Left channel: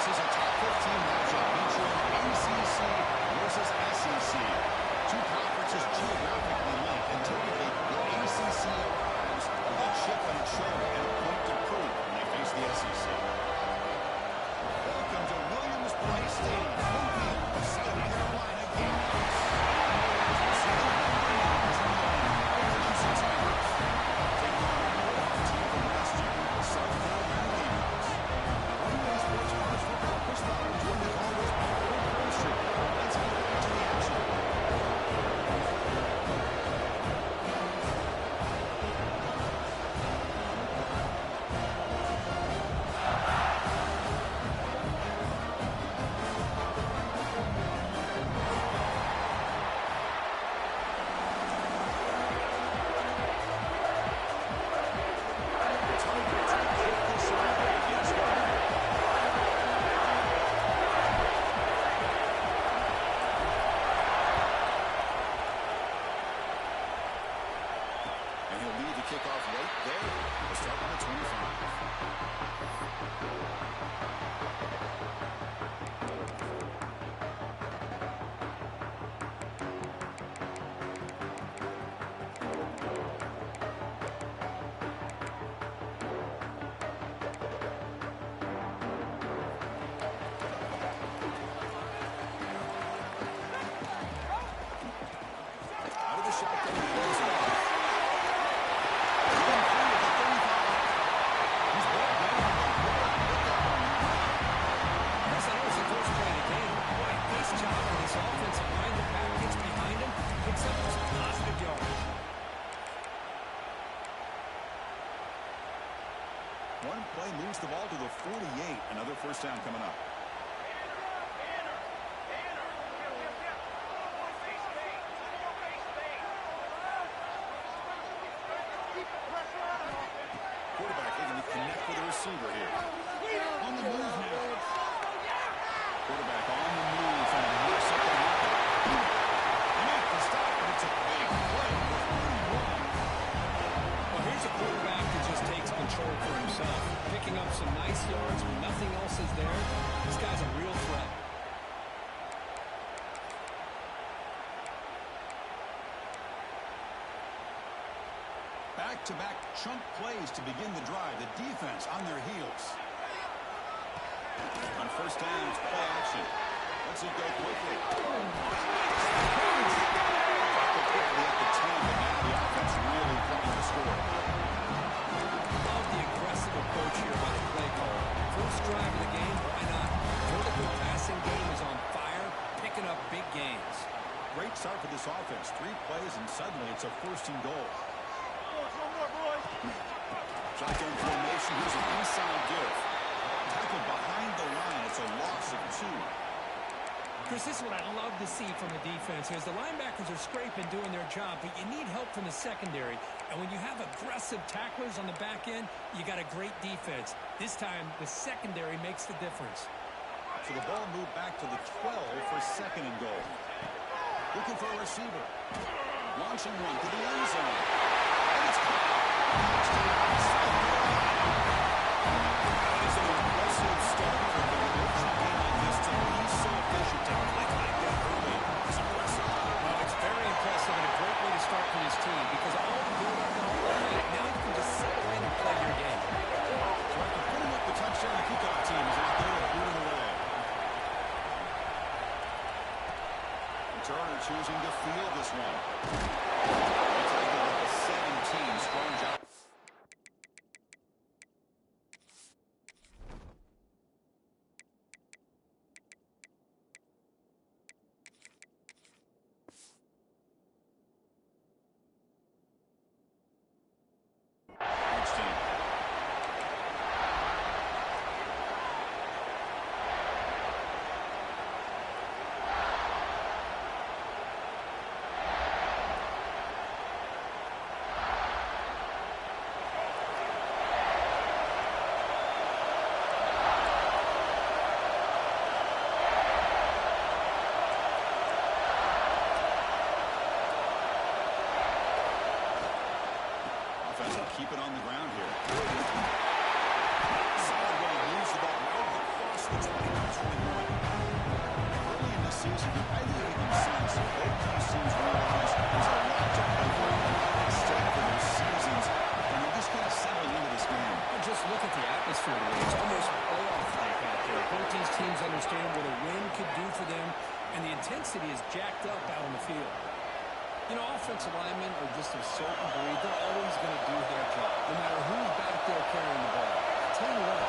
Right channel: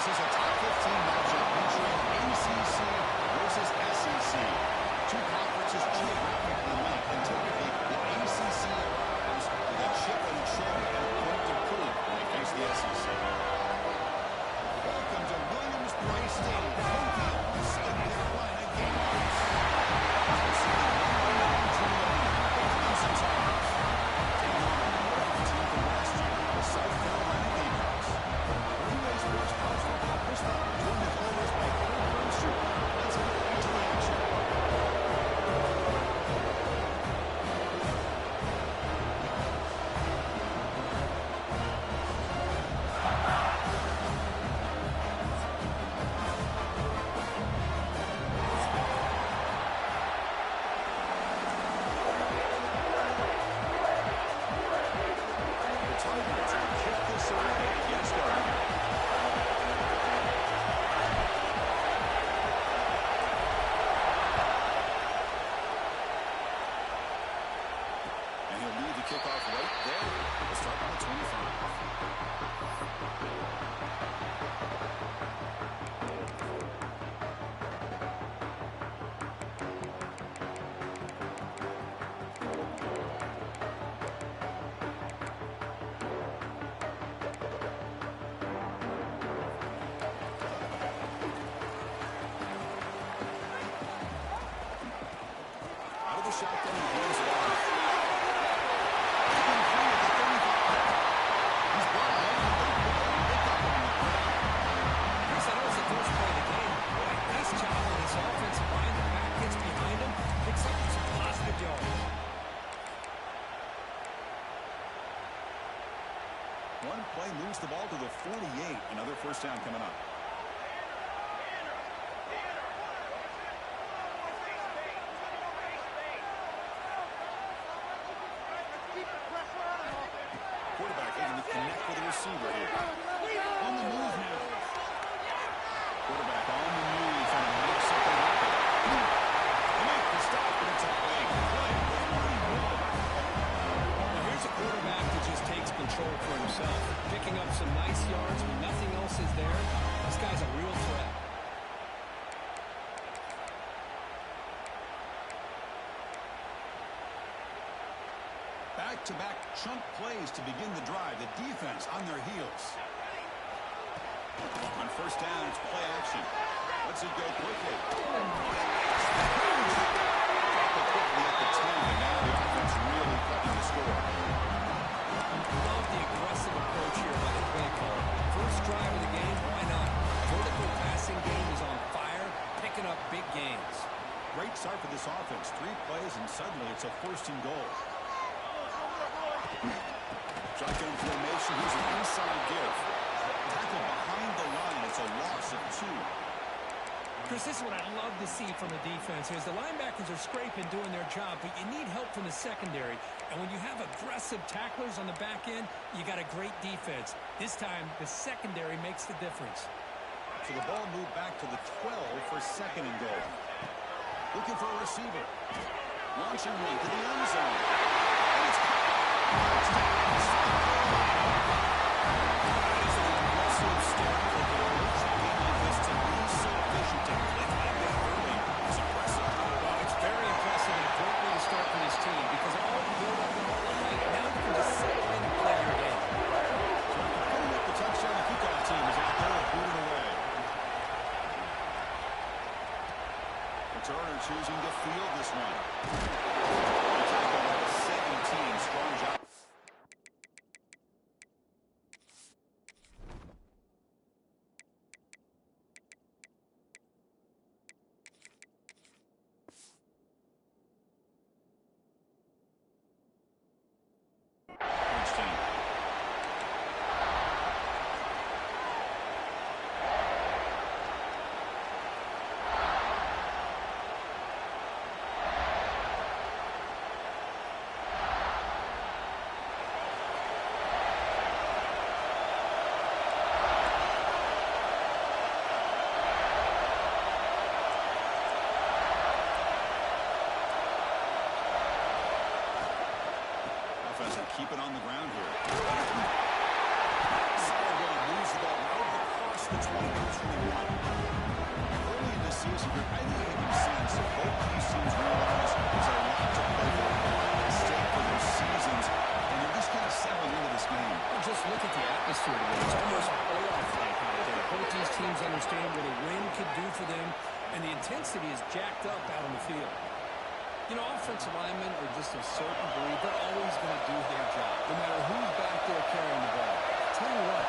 This is a top 15 matchup featuring ACC versus SEC. Two conferences geographically linked, and typically the ACC arrives with a chip on its shoulder and a point to prove when they face the SEC. Welcome to Williams-Brice Stadium, home field, the South Carolina Gamecocks. We'll see the number 9 team in the Clemson Tigers, taking on a playoff team from last year, the South Carolina Gamecocks. NBA Sports College Football Chris Fowler, joined as always by Kirk Herbstreit. Let's get into the action. Kickoff right there. We'll start on the 25. Out of the shotgun, he hands it off. Offensive line, the back gets behind him, picks up some positive yards. One play moves the ball to the 48. Another first down coming up. Quarterback looking to connect with the receiver here. On the move now. Quarterback on the move, trying to make something happen. They make the stop, but it's a big play for 41. Well, here's a quarterback that just takes control for himself, picking up some nice yards when nothing else is there. This guy's a real threat. Back-to-back chunk plays to begin the drive. The defense on their heels. On first down, it's play action. Let's it go quickly. Drop it quickly at the 10, but now the offense really cutting the score. Love the aggressive approach here by the play caller. First drive of the game, why not? Vertical passing game is on fire, picking up big gains. Great start for this offense. 3 plays, and suddenly it's a first and goal. Shotgun formation. Here's an inside give. Tackle behind the line. It's a loss of 2. Chris, this is what I'd love to see from the defense here. The linebackers are scraping, doing their job, but you need help from the secondary. And when you have aggressive tacklers on the back end, you got a great defense. This time, the secondary makes the difference. So the ball moved back to the 12 for second and goal. Looking for a receiver. Launching one to the end zone. And it's caught. Touchdown, South Carolina. That is an impressive start for the emerging game like this to be so efficient, to click like that early. It's impressive. Well, it's very impressive and a great way to start for this team because all the build-up and all the hype, now you can just settle in and play your game. So after putting up the touchdown, the kickoff team is out there and boot it away. Turner choosing to field this one. He tackled at the 17. Strong job. Keep it on the ground here. Solid run, moves the ball over across across the 20-21. Early in this season, I think you can sense both these teams realize there's a lot to play for, a lot at stake for their seasons, and they're just kind of settling into this game. Well, just look at the atmosphere today. It's almost playoff-like out there. Both these teams understand what a win could do for them, and the intensity is jacked up out on the field. You know, offensive linemen are just a certain breed. They're always going to do their job, no matter who's back there carrying the ball. I'll tell you what,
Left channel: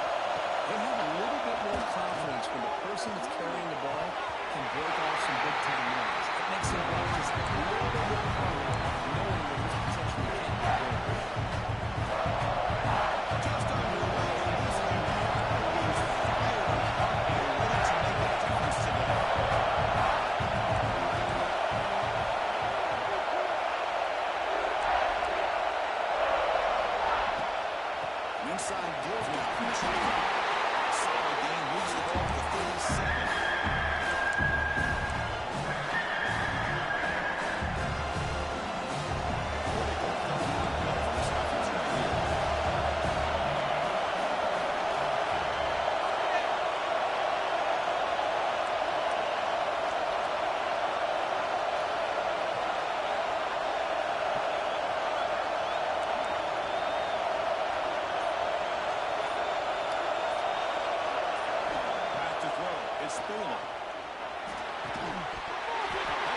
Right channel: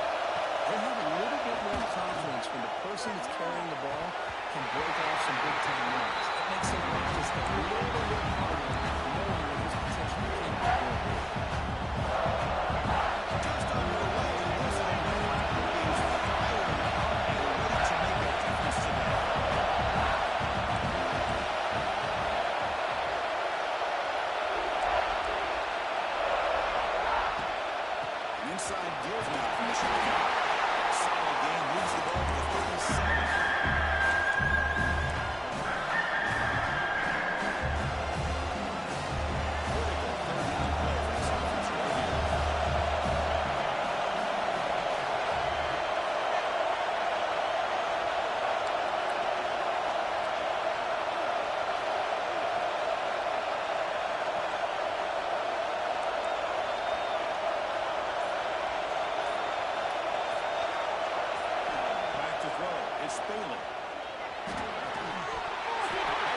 they have a little bit more confidence when the person that's carrying the ball can break off some big-time runs. It makes them run just a little bit more harder, knowing what he's potentially capable of doing. Just underway, and this thing is fired up and ready to make a difference today. Inside deals now from the shotgun. Solid gain, moves the ball to the 37. Critical third down play for this offense right here. To throw is Spalen. That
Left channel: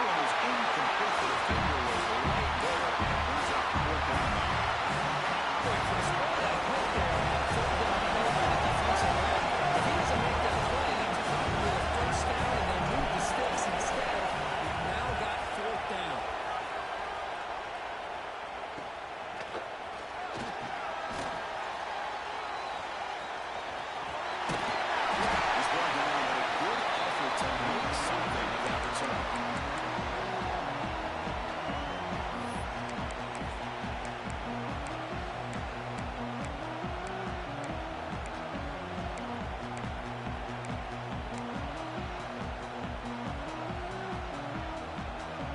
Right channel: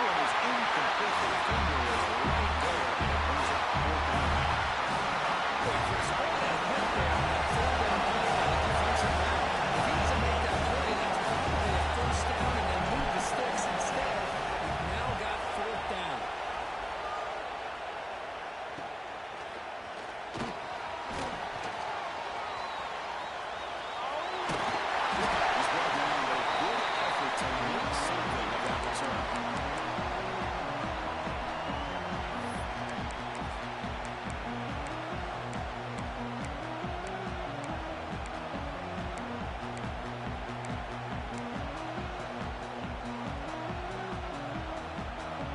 one is incomplete. The defender was right there, and it brings up fourth down now. Boy, Chris, what a hit there on that third down play by the defensive back. If he doesn't make that play, that's probably a first down, and they move the sticks. Instead, we've now got fourth down. To make something of that return.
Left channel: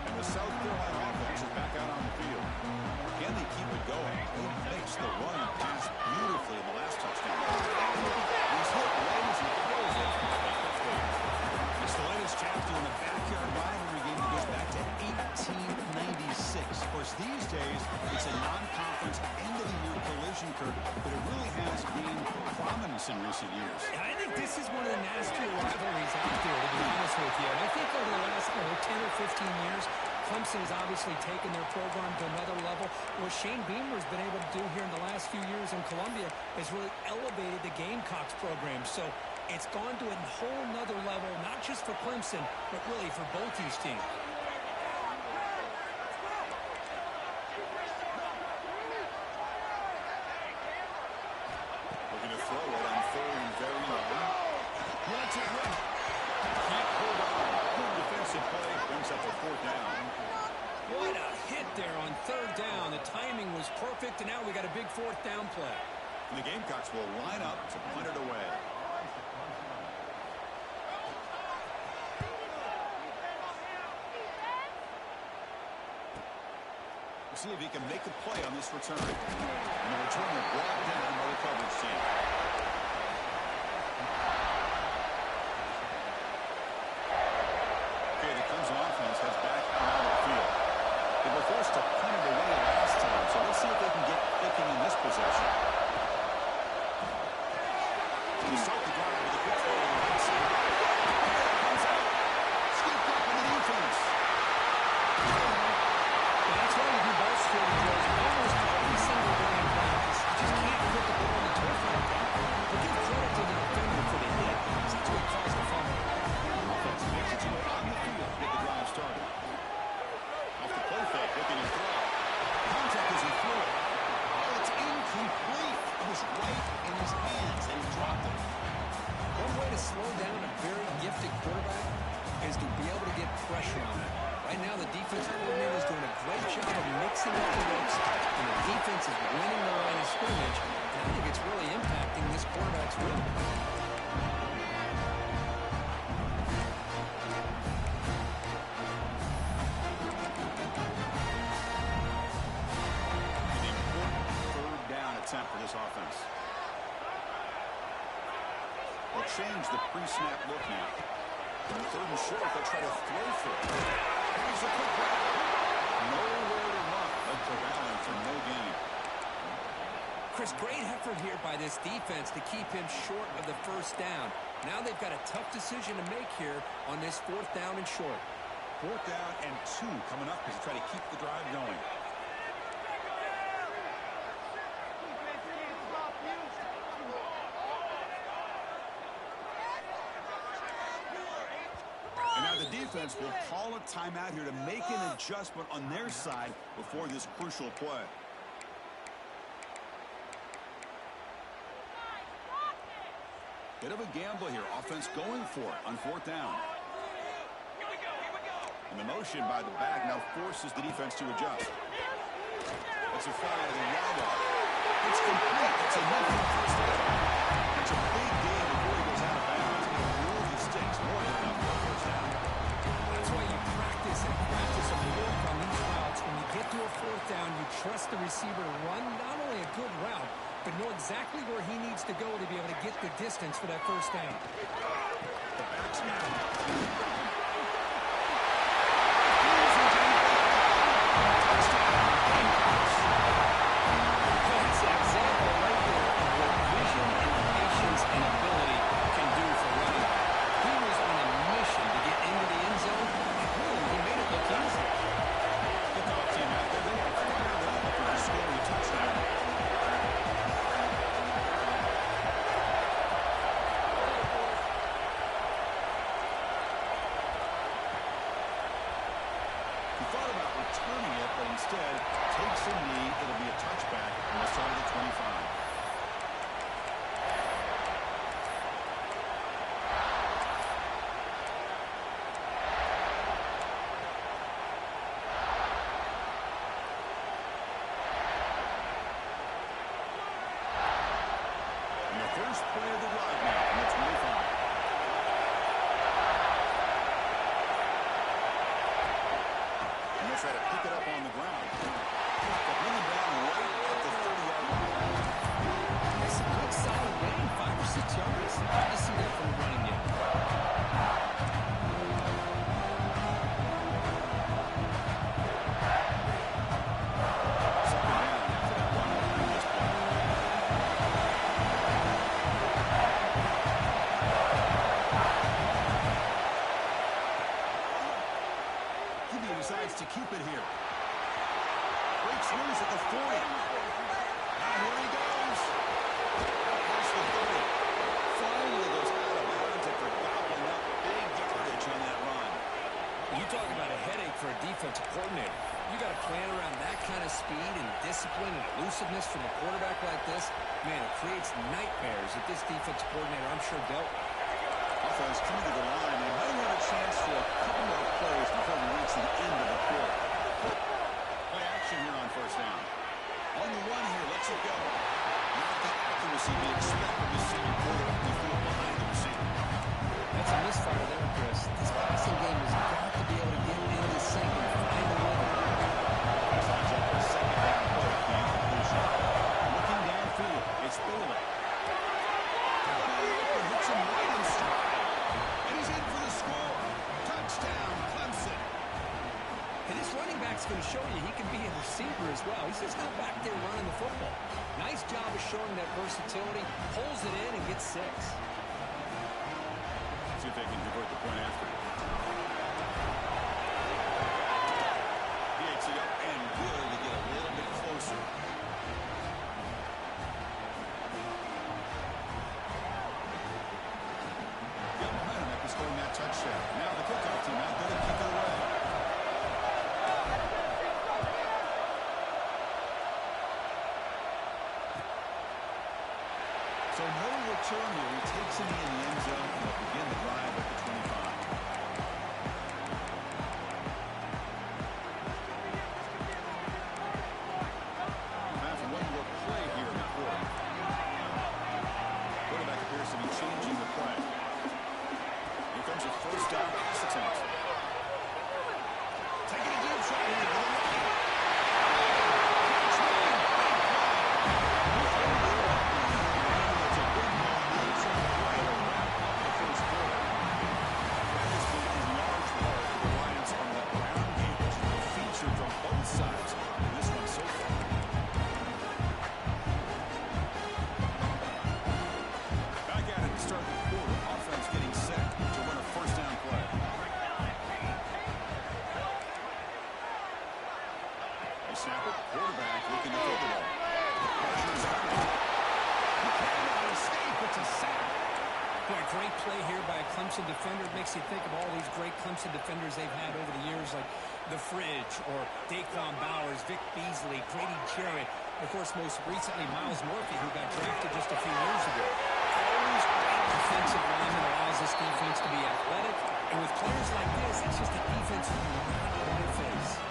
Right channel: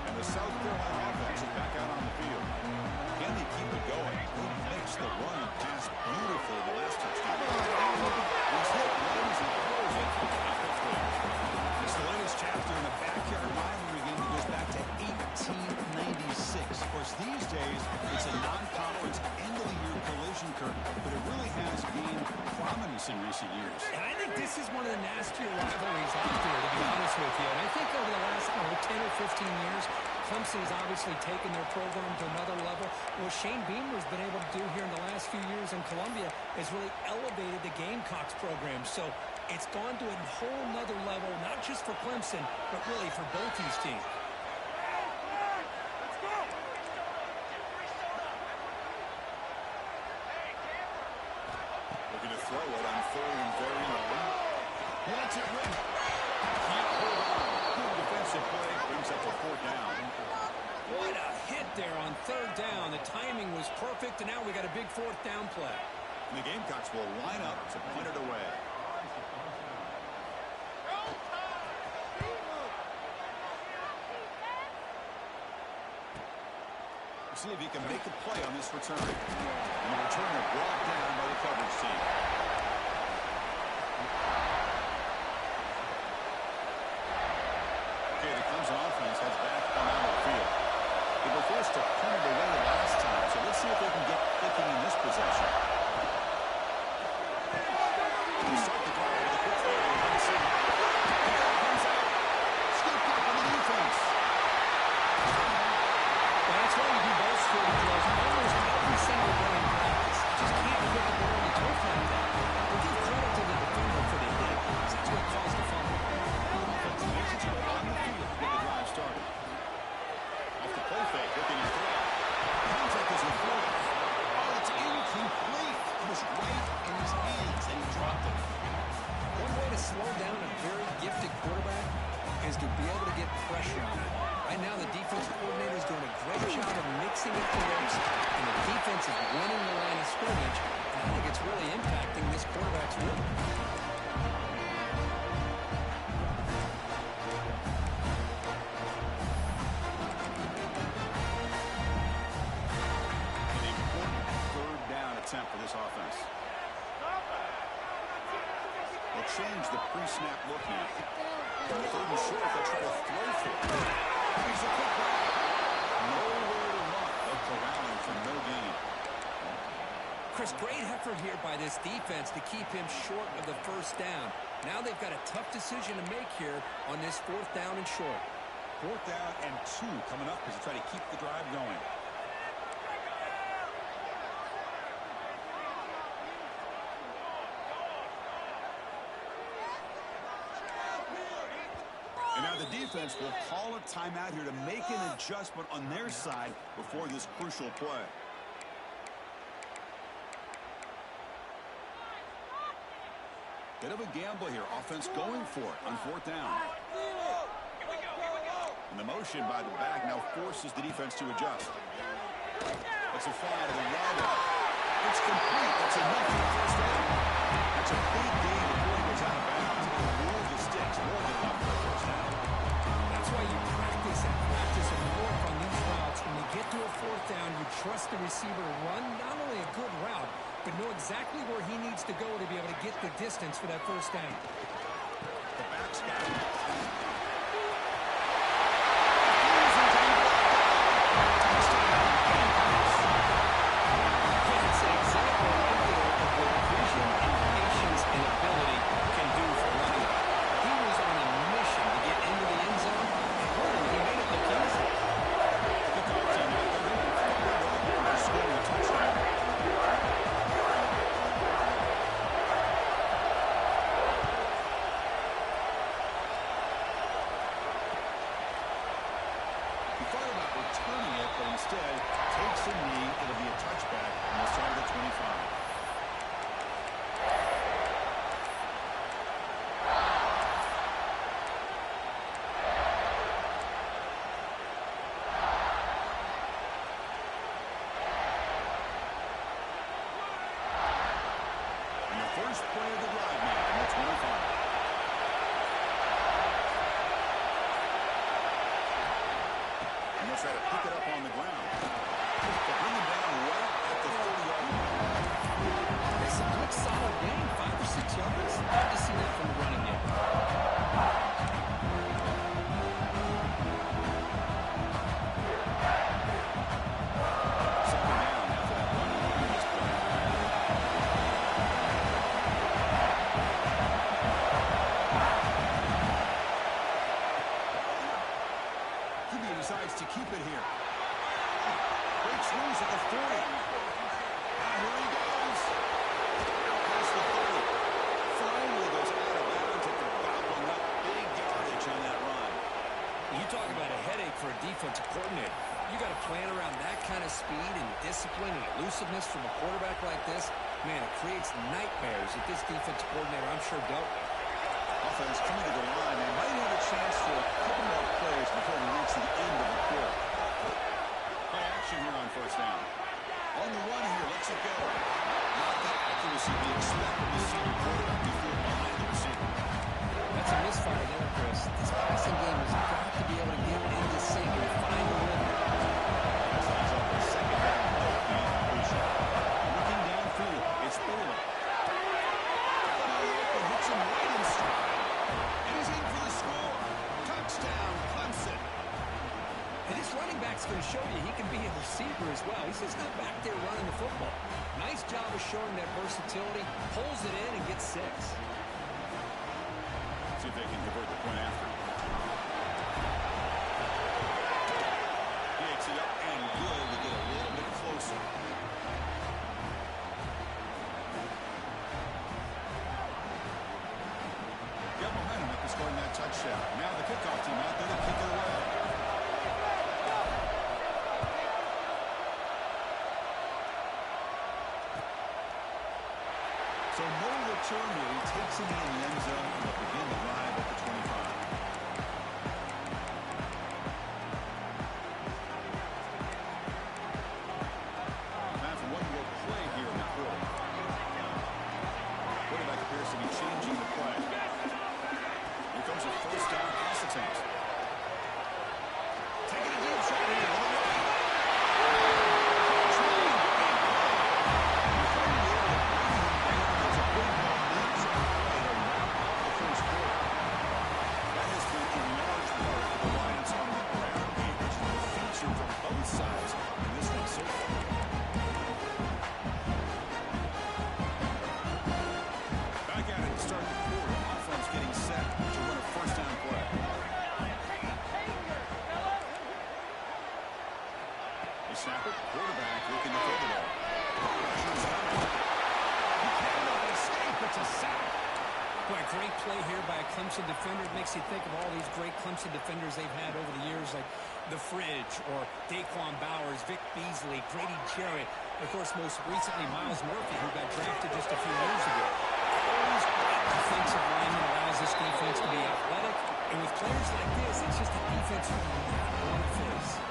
And the South Carolina offense is back out on the field. Can they keep it going? They mixed the run and pass beautifully in the last touchdown. He's hit right as he throws it. It's the latest chapter in a backyard rivalry game that goes back to 1896. Of course, these days, it's a non-conference end-of-the-year collision, Kirk, but it really has gained prominence in recent years. I think this is one of the nastier rivalries out there, to be honest with you. And I think over the last 10 or 15 years, Clemson has obviously taken their program to another level. What Shane Beamer has been able to do here in the last few years in Columbia has really elevated the Gamecocks program. So it's gone to a whole nother level, not just for Clemson, but really for both these teams. Looking to throw it on third and very long. Wants it right. Can't hold on. Good defensive play. Brings up a fourth down. What a hit there on third down. The timing was perfect, and now we got a big fourth down play. And the Gamecocks will line up to punt it away. See if he can make a play on this return. And the returner brought down by the coverage team. Okay, the Clemson offense heads back out onto the field. They were forced to punt it away last time, so let's see if they can get clicking in this possession. They start the drive with a quick throw to the right side. Here it comes out. Scooped up on the defense. Well, that's why you do ball security drills almost every single day in practice. You just can't put the ball on the turf like that. But give credit to the defender for the hit, because that's what caused the fumble. Offense makes its way on the field to get the drive started. Off the play fake, looking to throw. Contact as he threw it. Oh, it's incomplete. It was right in his hands, and he dropped it. One way to slow down a very gifted quarterback is to be able to get pressure on him. Right now, the defensive coordinator is doing a great job of mixing up the ropes, and the defense is winning the line of scrimmage, and I think it's really impacting this quarterback's rhythm. An important third down attempt for this offense. They'll change the pre-snap look now. Third and short, they'll try to throw for it. Here's a quick grab. Nowhere to run. They'll corral him for no gain. Chris, great effort here by this defense to keep him short of the first down. Now they've got a tough decision to make here on this 4th down and short. 4th down and 2 coming up as they try to keep the drive going. And now the defense will call a timeout here to make an adjustment on their side before this crucial play. Bit of a gamble here. Offense going for it on 4th down. And the motion by the back now forces the defense to adjust. That's a fly to the window. It's complete. That's enough for the first down. That's a big gain before he goes out of bounds. It'll move the sticks. More than enough for a first down. That's why you practice and practice and work on these routes. When you get to a 4th down, you trust the receiver to run not only a good route, but know exactly where he needs to go to be able to get the distance for that first down. The back's got it. That's an example right there of what vision and patience and ability can do for running back. He was on a mission to get into the end zone, and really, he made it look easy. Kickoff team out there. They can fire it up for scoring a touchdown. He thought about returning it, but instead takes a knee. It'll be a touchback on the side of the 25. And the first play of the drive now on the 25. And they'll try to pick it up on the ground. They'll bring him down right at the 30-yard line. It's a good, solid gain, 5 or 6 yards. Hard to see that from the running yet. Second down after that run on the previous play. QB decides to keep it here. Breaks loose at the 40. Now here he goes. Out past the 30. Finally goes out of bounds after gobbling up big yardage on that run. You talk about a headache for a defensive coordinator. You got to plan around that kind of speed and discipline and elusiveness from a quarterback like this. Man, it creates nightmares that this defensive coordinator, I'm sure, dealt with. Offense coming to the line. They might have a chance for a couple more plays before we reach the end of the quarter. Play action here on first down. On the run here, lets it go. Not the accuracy we expect from the senior quarterback. He threw it behind the receiver. That's a misfire there, Chris. This passing game has got to be able to get into sync and find a rhythm. Pass lines up for a second down play off the incompletion. Looking downfield, it's Bailey. Open, hits him right in stride. And he's in for the score. Touchdown, Clemson. And this running back's going to show you he can be a receiver as well. He's just not back there running the football. Nice job of showing that versatility. Pulls it in and gets 6. See if they can convert the point after. He hits it up and good to get a little bit closer. Got momentum after scoring that touchdown. Now the kickoff team out there to kick it away. So no return here. He takes it in the end zone and they'll begin the drive at the 25. Time for one more play here in the quarter. Quarterback appears to be changing the play. Here comes a first down pass attempt. Taking a deep shot here to the right. Catch made. Big play. He finally able to bring him down. It's a big momentum play to wrap quarterback looking to throw the ball. Pressure's coming. He cannot escape. It's a sack. Boy, a great play here by a Clemson defender. It makes you think of all these great Clemson defenders they've had over the years, like The Fridge or Daquan Bowers, Vic Beasley, Grady Jarrett, and of course, most recently, Miles Murphy, who got drafted just a few years ago. Always great defensive lineman allows this defense to be athletic, and with players like this, it's just a defense you do not want to face.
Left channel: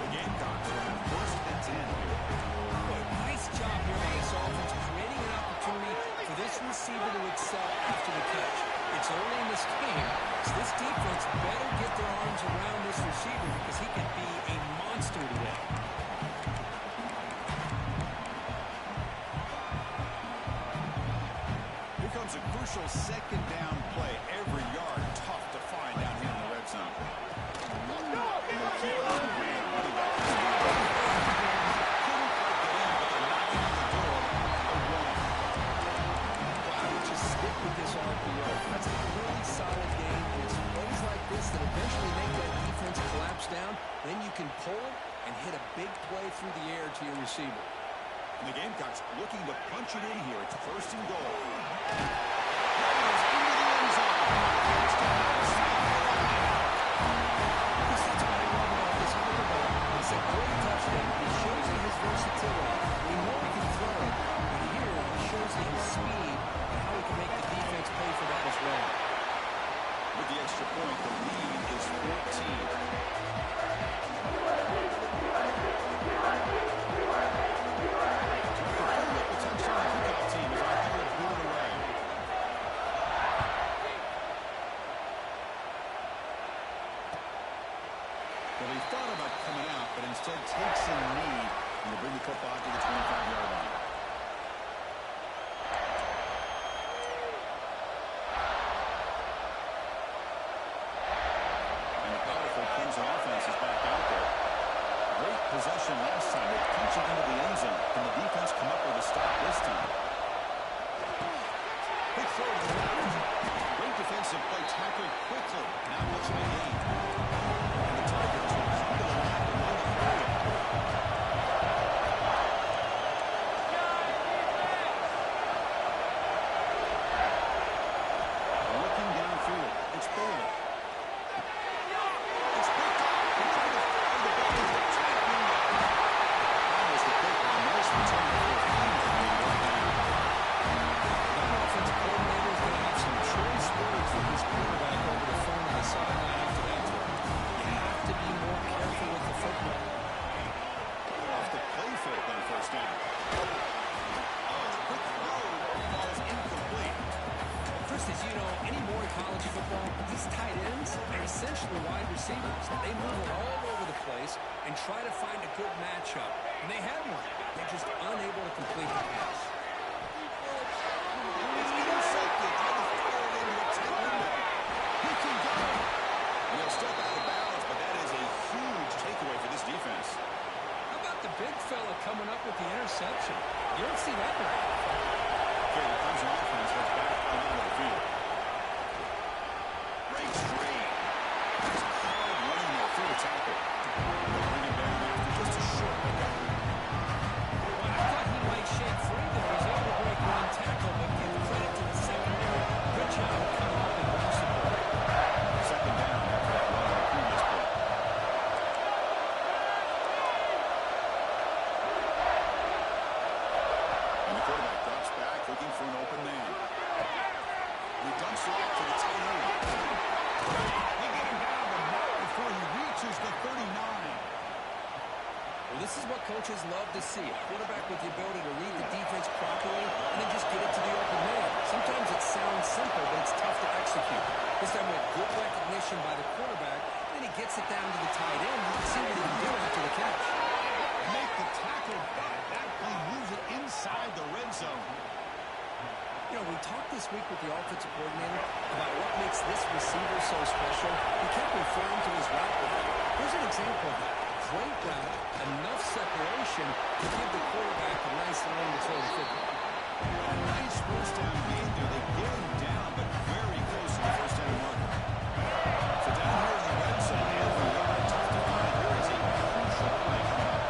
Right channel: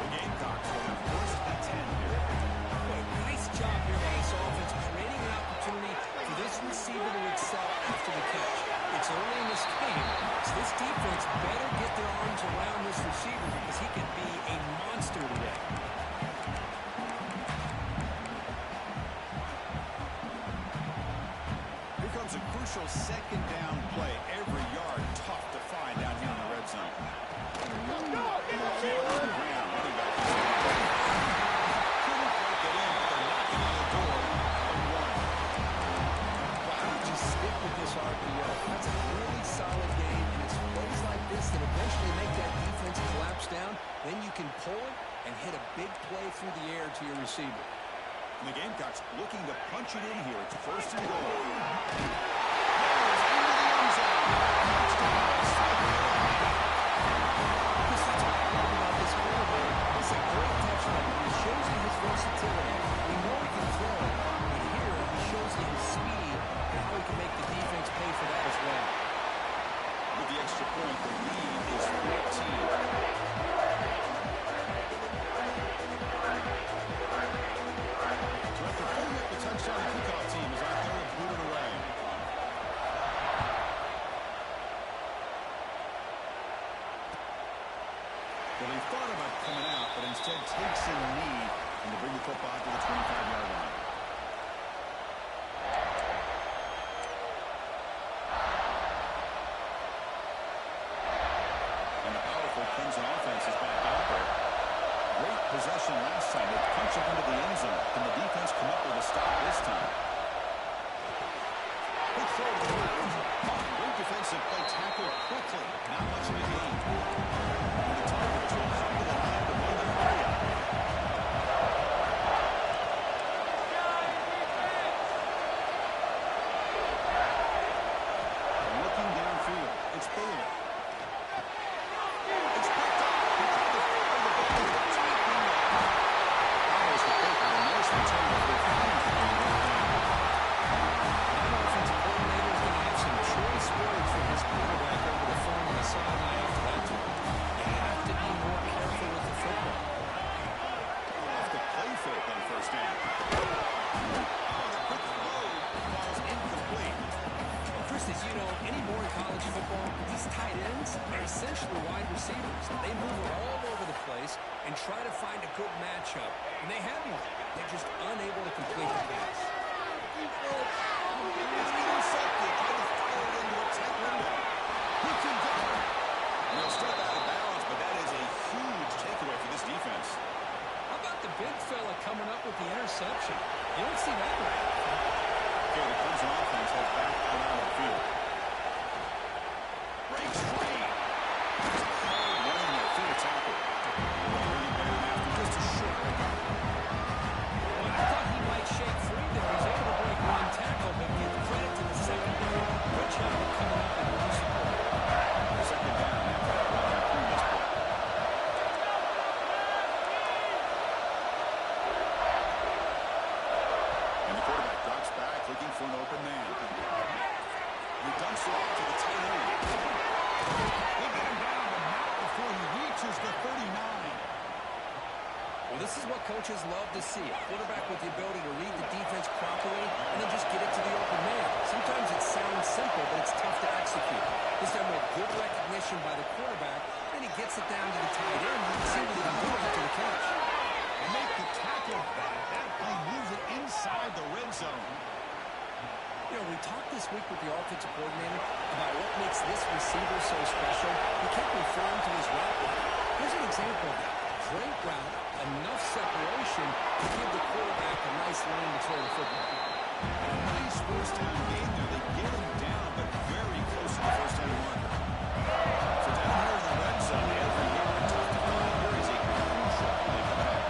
The Gamecocks will have first and 10 here. Boy, nice job here by this offense, creating an opportunity for this receiver to excel after the catch. It's early in this game, so this defense better get their arms around this receiver because he can be a monster today. Here comes a crucial second down play. Every yard tough to find down here in the red zone. And they'll keep it on the ground. Running back couldn't quite get in, but they're knocking on the door. A one. Wow, just stick with this RPO. That's a really solid game, and it's plays like this that eventually make that defense collapse down. Then you can pull it and hit a big play through the air to your receiver. And the Gamecocks looking to punch it in here. It's first and goal. Raiders into the end zone. Touchdown, South Carolina. Chris, that's what I love about this quarterback. It's a great touchdown. He shows you his versatility. We know he can throw it, but here he shows you his speed and how he can make the defense pay for that as well. With the extra point, the lead is 14. Well, he thought about coming out, but instead takes a knee and to bring the football to the 25-yard line. And the powerful Clemson offense is back out there. Great possession last time. They punch it into the end zone. Can the defense come up with a stop this time? Quick throw to the left. Great defensive play, tackled quickly. Not much of a gain. And the Tigers will come to the line to run the play out. Looking downfield. It's Bailey. It's picked up. He tried to fire the ball into the tight window. Almost a pick with a nice return before finally being brought down. That offensive coordinator is going to have some choice words with his quarterback over the phone on the sideline after that throw. You have to be more careful with the football. Off the play fake on first down. Oh, the quick throw falls incomplete. Well, Chris, as you know, anymore in college football, these tight ends are essentially wide receivers. They move all over the place and try to find a good matchup. And they had one. They're just unable to complete the pass. It's intercepted. Tried to fire it into a tight window. He can go. And he'll step out of bounds, but that is a huge takeaway for this defense. How about the big fella coming up with the interception? You don't see that very often. Okay, the Clemson offense heads back out onto the field. Breaks free. Just hard running there through the tackle. They'll bring it down after just a short pickup. Well, I thought he might shake free there. He's able to break one tackle, but give credit to the secondary. Good job of coming up and run support. Second down after that run on the previous play. And the quarterback drops back looking for an open man. He dumps it off to the tight end. They get him down, but not before he reaches the 39. Well, this is what coaches love to see. A quarterback with the ability to read the defense properly and then just get it to the open man. Sometimes it sounds simple, but it's tough to execute. This time with good recognition by the quarterback, then he gets it down to the tight end. You can see what he can do after the catch. They make the tackle, but that play moves it inside the red zone. You know, we talked this week with the offensive coordinator about what makes this receiver so special. He kept referring to his route running. Here's an example of that. Great route, enough separation to give the quarterback a nice lane to throw the football. And a nice first down game there. They get him down, but very close to the first down marker. So down here in the red zone, every yard tough to find. Here is a crucial play coming up.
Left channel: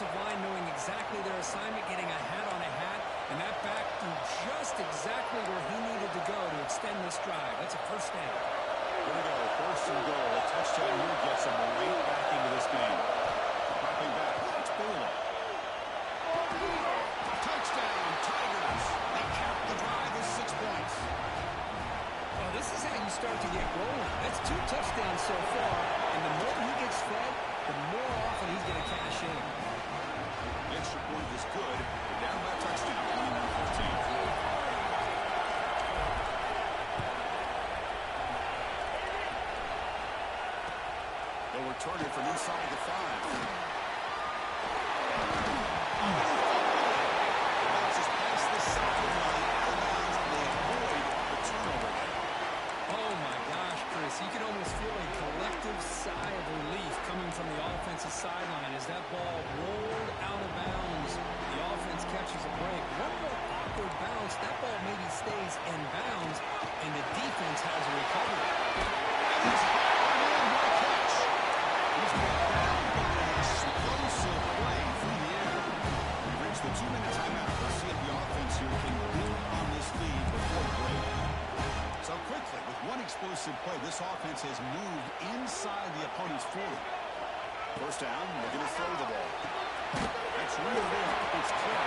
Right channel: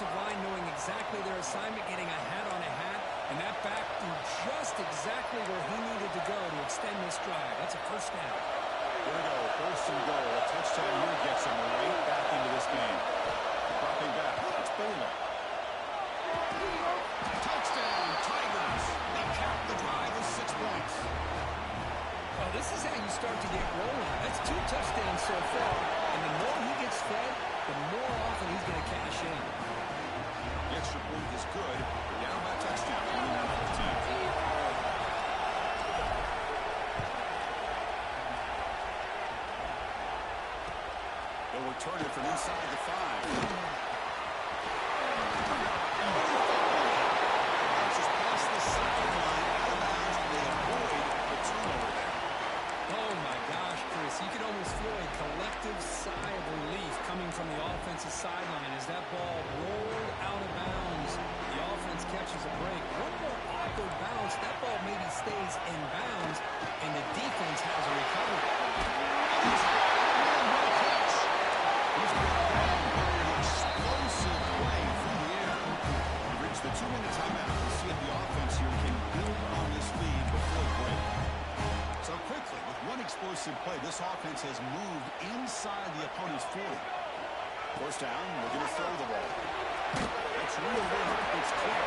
offensive line knowing exactly their assignment, getting a hat on a hat, and that back threw just exactly where he needed to go to extend this drive. That's a first down. Here we go, first and goal. A touchdown here gets them right back into this game. Dropping back, it's Baylor. Touchdown, Tigers. They cap the drive with 6 points. Well, this is how you start to get rolling. That's 2 touchdowns so far, and the more he gets fed, the more often he's going to cash in. The extra point is good. They're down by a touchdown, 29-14. They'll return it from inside the 5. It bounces past the sideline, out of bounds, and they avoid the turnover there. Oh, my gosh, Chris. You could almost feel a collective sigh of relief coming from the offensive sideline as that ball rolled out of bounds. The offense catches a break. One more awkward bounce. That ball maybe stays in bounds, and the defense has a recovery. What a catch. He's brought down by an explosive play through the air. We reach the 2-minute timeout. We'll see if the offense here can build on this lead before the break. So quickly, with one explosive play, this offense has moved inside the opponent's 40. First down, we're going to throw the ball. That's reeled in. It's clear.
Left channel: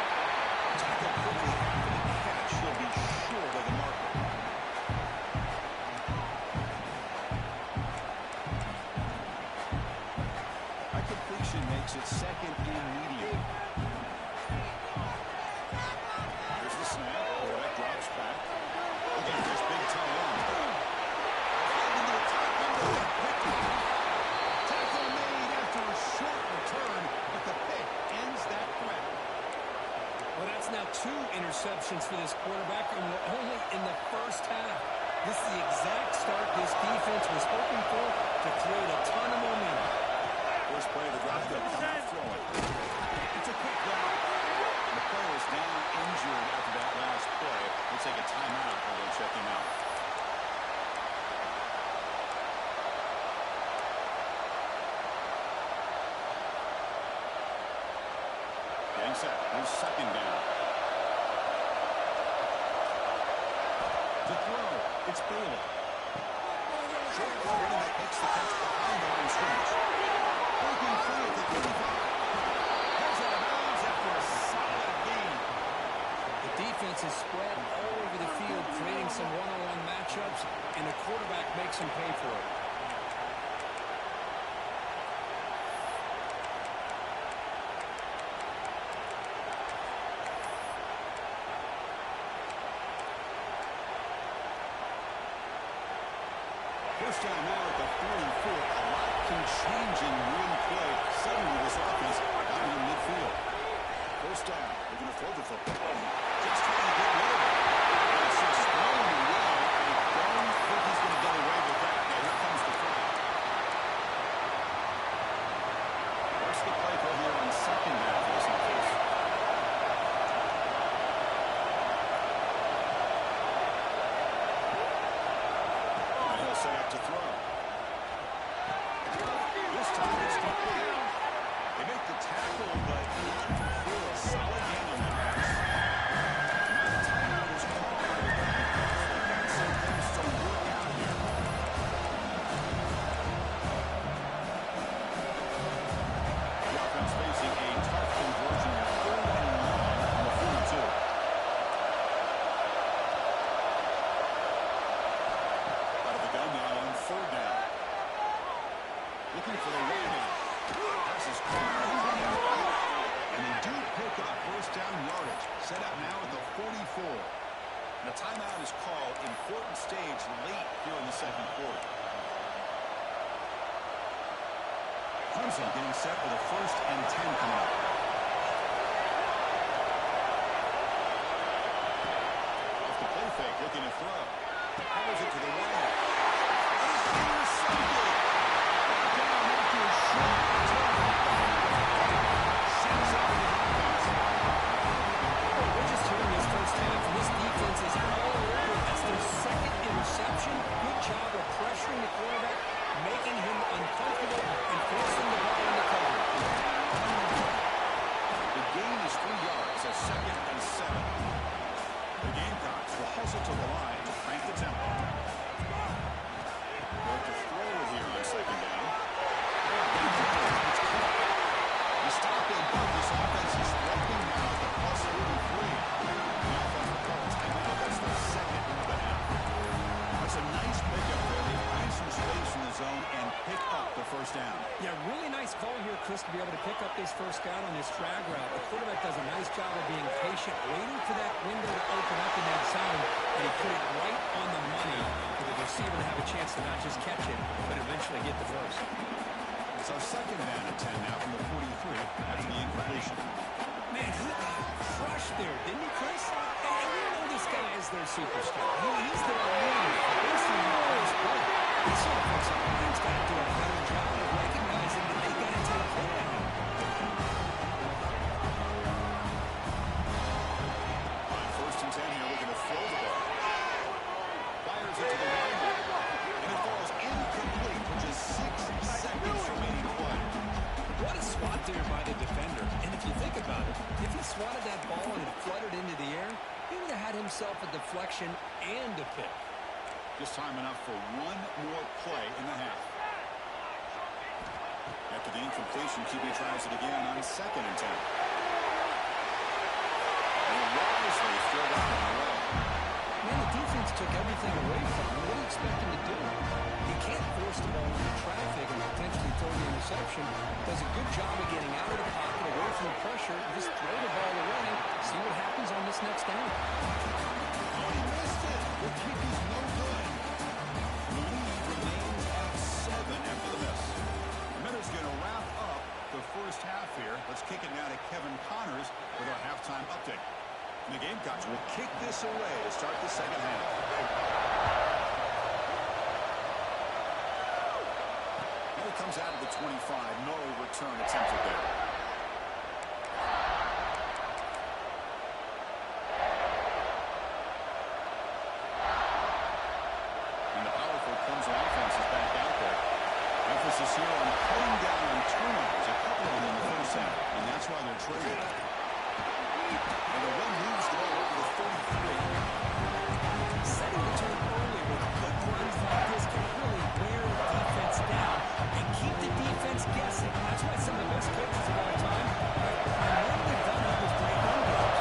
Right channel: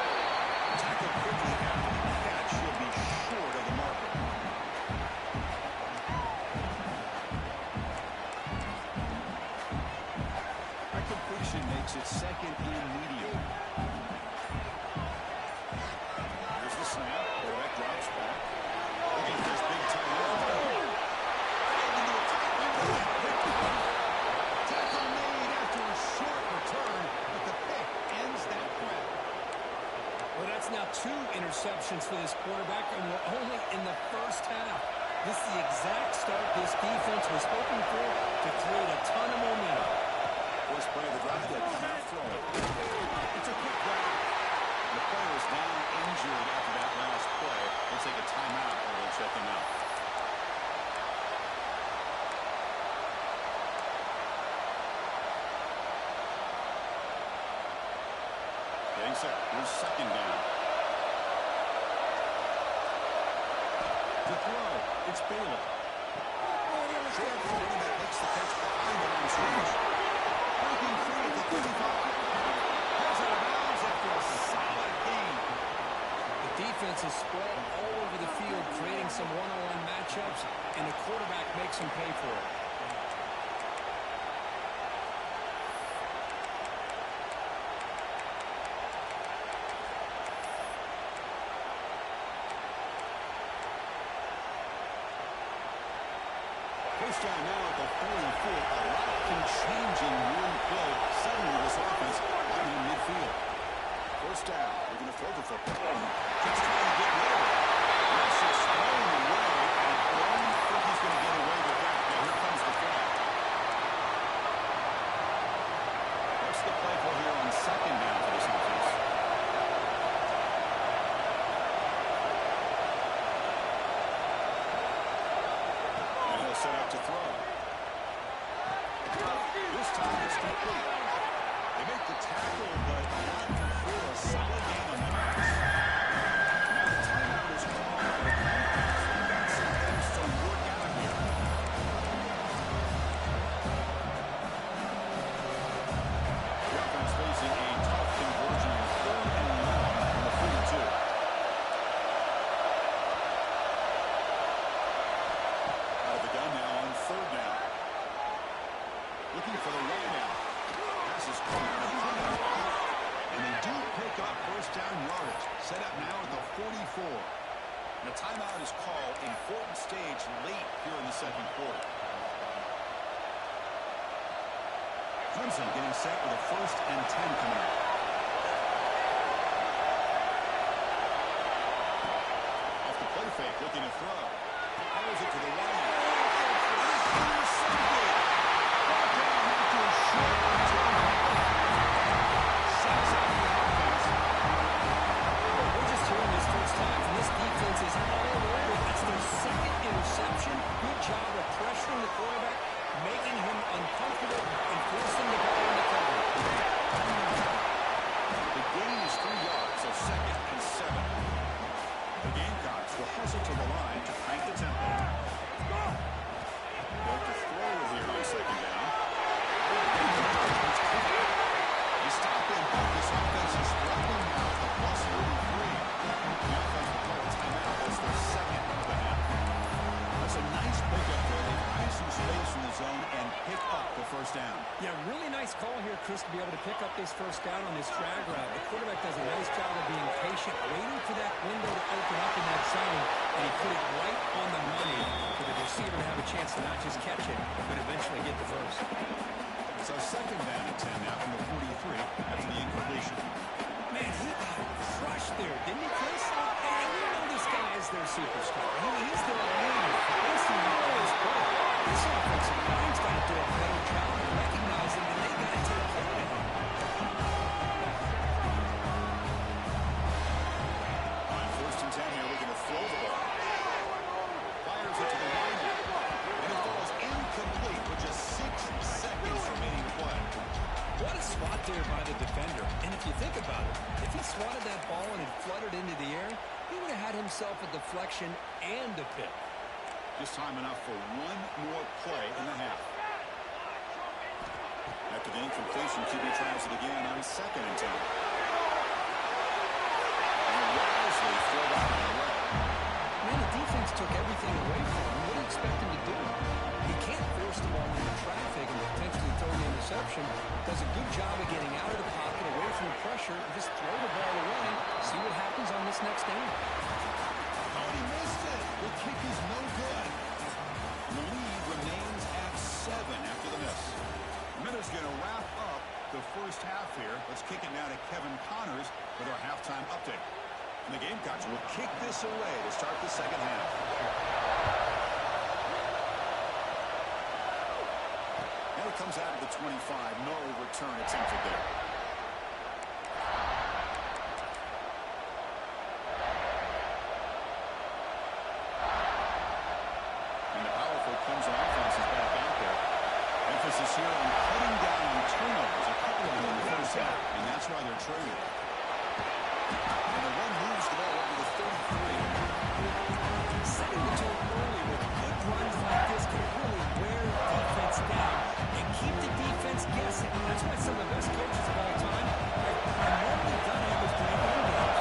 Tackle quickly after the catch. He'll be short of the marker. That completion makes it second and medium. Here's the snap. Quarterback drops back. Look at this big tight end. Right into a tight window and picked off. Tackle made after a short return, but the pick ends that threat. Well, that's now 2 interceptions for this quarterback, and we're only in the first half. This is the exact start this defense was hoping for to create a ton of momentum. First play of the drive, they'll come out throwing. It's a quick grab. The player is down injured after that last play. They'll take a timeout or they'll check him out. Getting set. Here's second down. To throw, it's Baylor. Short running back makes the catch behind the line of scrimmage. Breaking free at the 35. Heads out of bounds after a solid gain. The defense is spread all over the field, creating some one-on-one matchups, and the quarterback makes them pay for it. First down now at the 44. A lot can change in one play. Suddenly this offense out in midfield. First down. They're going to throw the football. Just trying to get rid of it. That's just thrown away. I don't think he's going to get away with that. Now here comes the flag. What's the play call here on second down for this offense? Set up to throw. This time it's complete. They make the tackle, but not before a solid gain on that pass. Now the timeout is called by the defense. They've got some things to work out here. The offense facing a tough conversion in 3rd and long on the 42. Third down. Looking for the wideout. Pass is caught. And they do pick up first down yardage. Set up now at the 44. And a timeout is called. Important stage late here in the second quarter. Clemson getting set with a 1st and 10 coming up. Off the play fake, looking to throw. Powers it to the wideout. Intercepted. Brought down after a short return. Sends out the offense. Well, we're just here in this first half, and this defense is all over. That's their 2nd interception. Good job of pressuring the quarterback, making him uncomfortable, and forcing the ball into coverage. gain is 3 yards, so 2nd and 7. The Gamecocks will hustle to the line to crank the tempo. Look to throw it here on 2nd down. It's caught. You stop him, but this offense is threatening now at the plus 43. The offense will call a timeout. That's their 2nd of the half. That's a nice pickup there. They find some space in the zone and pick up the first down. Yeah, really nice call here, Chris, to be able to pick up this first down on this drag route. The quarterback does a nice job of being patient, waiting for that window to open up in that zone, and he put it right on the money for the receiver to have a chance to not just catch it, but eventually get the first. It's our 2nd down and 10 now from the 43 after the incompletion. Man, he got crushed there, didn't he, Chris? And we know this guy is their superstar. He's their leader for basically the last play. This offensive line's got to do a better job of recognizing that they got to take care of him. On 1st and 10 here, we're going to throw the ball. Fires it to the line, and it falls incomplete with just 6 seconds remaining to play. What a swat there by the defender. And if you think about it, if he swatted that ball and it fluttered into the air, he would have had himself a deflection and a pick. Just time enough for one more play in the half. After the incompletion, QB tries it again on 2nd and 10. And wisely throw that one away. Man, the defense took everything away from him. What do you expect him to do? He can't force the ball into traffic and potentially throw the interception. Does a good job of getting out of the pocket, away from the pressure, and just throw the ball away. See what happens on this next down. Oh, and he missed it. The kick is no good. And the lead remains at 7 after the miss. The Miners going to wrap up the first half here. Let's kick it now to Kevin Connors with our halftime update. And the Gamecocks will kick this away to start the second half. And it comes out of the 25. No return attempted there. And the powerful Clemson offense is back out there. Emphasis here on cutting down on turnovers, a couple of them in the first half, and that's why they're traded. And the run moves the ball over the 33. Setting the tone early with good runs like this can really wear the defense down and keep the defense guessing. That's why some of the best coaches of our time have primarily done it with great run games.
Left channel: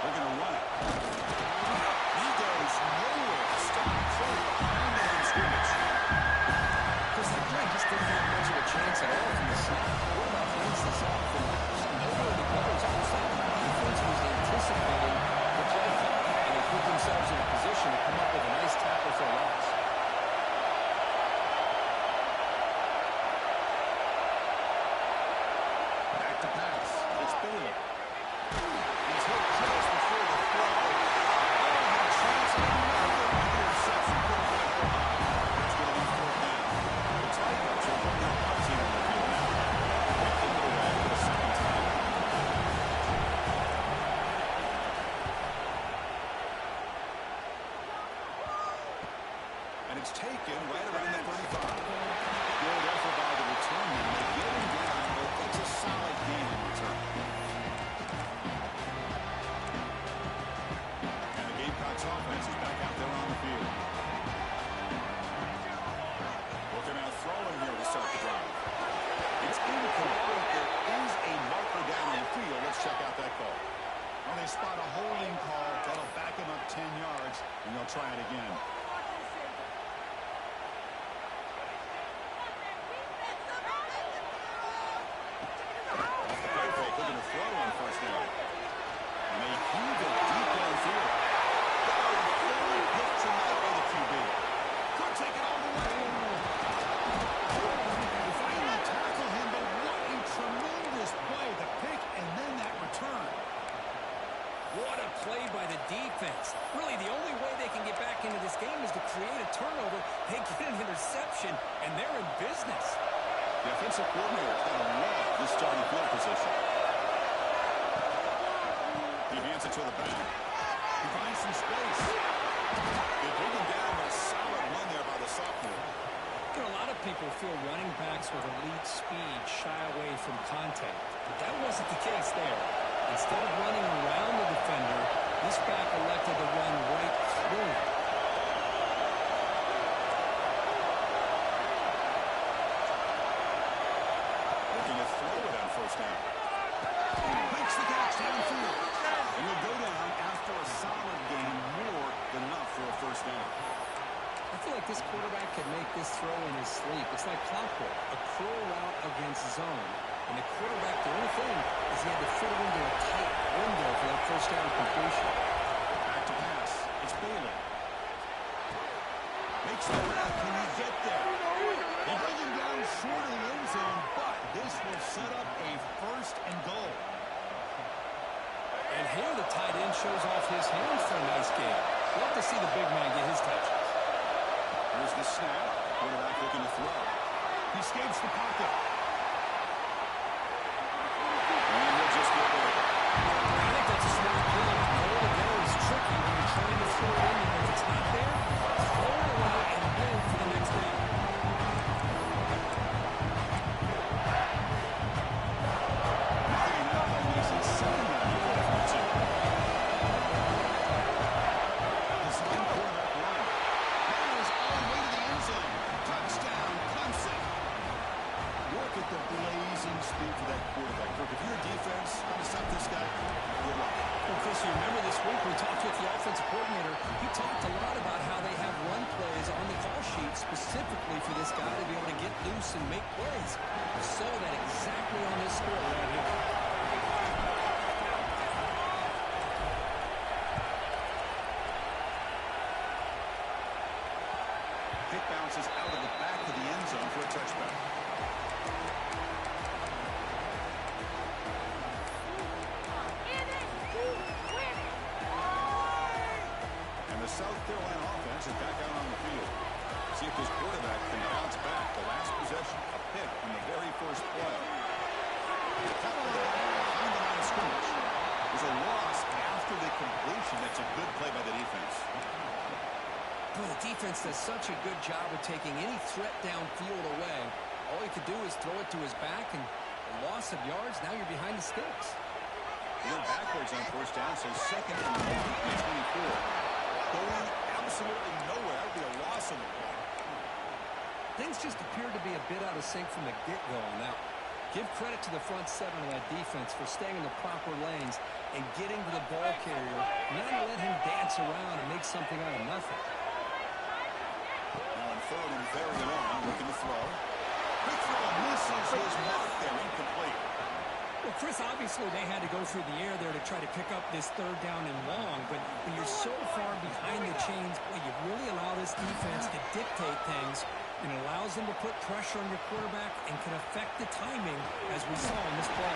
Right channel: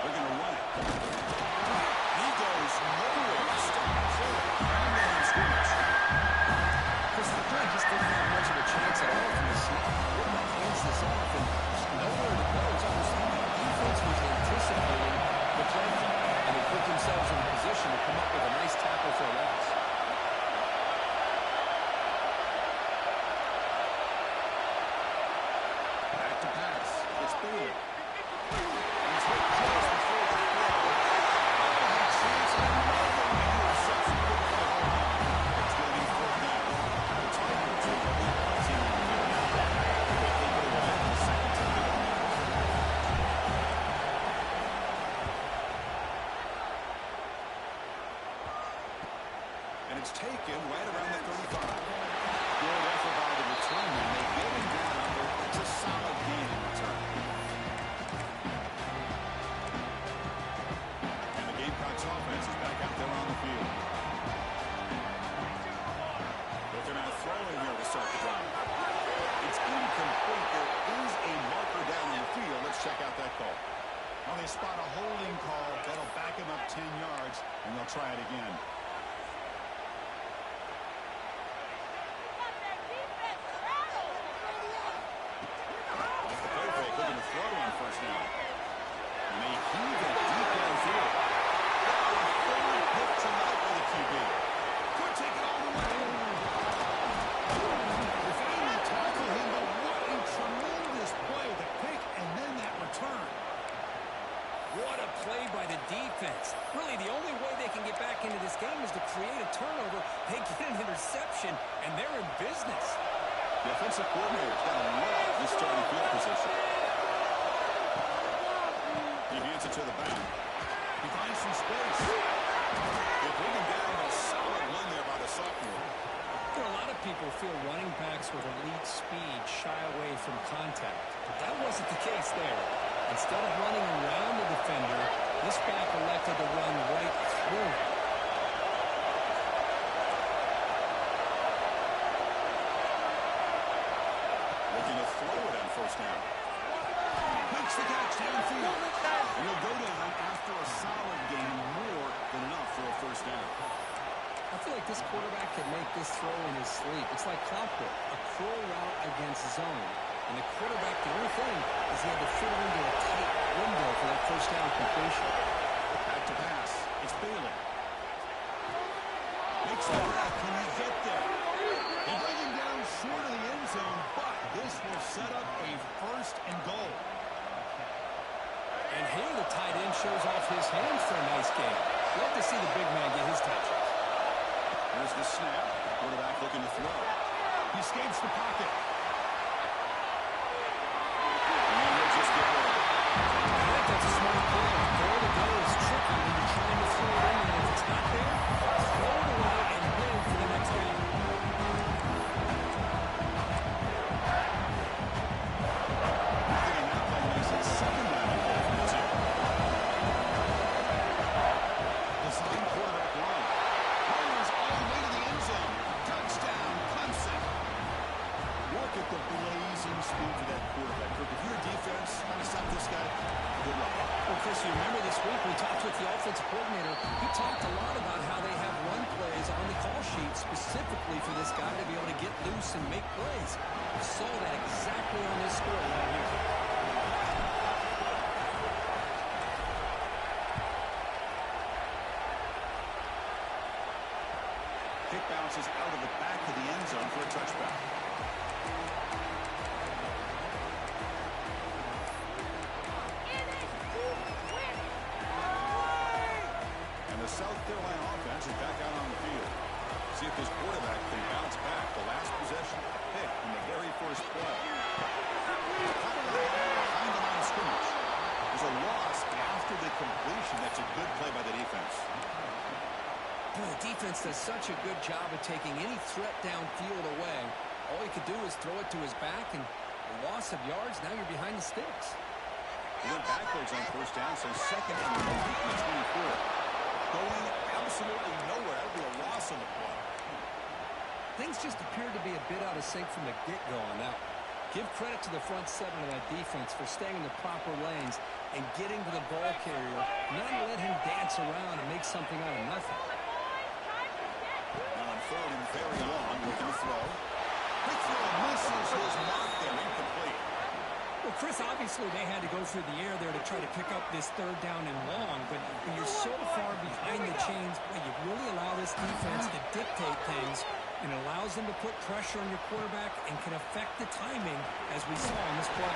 They're going to run it. He goes nowhere. Stop cold behind the line scrimmage. Chris, that play just didn't have much of a chance at all from the snap. Quarterback hands this off and just nowhere to go. It's almost like the defense was anticipating the play call, and they put themselves in a position to come up with a nice tackle for a loss. Back to pass. It's Bailey. He's hit just before the throw. Oh, he chance another interception. Couldn't quite hold on. It's going to be 4th down. The Tigers will bring their punt team on the field now. They kick it away for the 2nd time. And it's taken right around the 35. Good effort by the returner. They get him down, but it's a solid gain in return. And the Gamecocks offense is back out there on the field. Looking out throwing here to start the drive. It's incomplete. There is a marker down on the field. Let's check out that call. Well, they spot a holding call. That'll back him up 10 yards, and they'll try it again. Looking to throw on 1st down. And they heave it deep downfield. Oh, full pick tonight by the QB. Could take it all the way. They finally tackle him, but what a tremendous play. The pick and then that return. What a play by the defense. Really, the only way they can get back into this game is to create a turnover. They get an interception, and they're in business. The offensive coordinator's got to love this starting field position. He hands it to the back. He finds some space. They bring him down, but a solid run there by the sophomore. You know, a lot of people feel running backs with elite speed shy away from contact. But that wasn't the case there. Instead of running around the defender, this back elected to run right through him. Looking to throw it on first down. Makes the catch downfield. And he'll go down after a solid gain, more than enough for a first down. I feel like this quarterback can make this throw in his sleep. It's like clockwork, a curl route against zone. And the quarterback, the only thing is he had to fit it into a tight window for that first down completion. Back to pass. It's Bailey. Makes the grab. Can he get there? They bring him down short of the end zone, but this will set up a first and goal. And here the tight end shows off his hands for a nice game. Love to see the big man get his touches. Here's the snap. Quarterback looking to throw. He escapes the pocket. And he'll just get rid of it. I think that's a smart play. Goal to go is tricky when you're trying to throw it in, and if it's not there, throw it away and live for the next game. Nothing in that play makes it second down and goal from the 2. Design quarterback run. Fires all the way to the end zone. Touchdown, Clemson. Look at the blazing speed for that quarterback. Kirk, if you're a defense trying to stop this guy, good luck. Well, Chris, you remember this week we talked with the offensive coordinator. He talked a lot about how they have run plays on the call sheet specifically for this guy to be able to get loose and make plays. We saw that exactly on this score right here. Pick bounces out of the back of the end zone for a touchback. And the South Carolina offense is back out on the field. See if this quarterback can bounce back. The last possession, a pick on the very first play. Caught behind the line of scrimmage. There's a loss after the completion. That's a good play by the defense. Boy, the defense does such a good job of taking any threat downfield away. All he could do is throw it to his back, and a loss of yards, now you're behind the sticks. He went backwards on first down, so second and long from the 24. Going absolutely nowhere. That would be a loss on the play. Things just appeared to be a bit out of sync from the get-go on that one. Give credit to the front seven of that defense for staying in the proper lanes and getting to the ball carrier, not let him dance around and make something out of nothing. Now on third and very long, looking to throw. Quick throw misses his mark there, incomplete. Well, Chris, obviously they had to go through the air there to try to pick up this third down and long, but when you're so far behind the chains, boy, you really allow this defense to dictate things, and it allows them to put pressure on your quarterback and can affect the timing, as we saw in this play.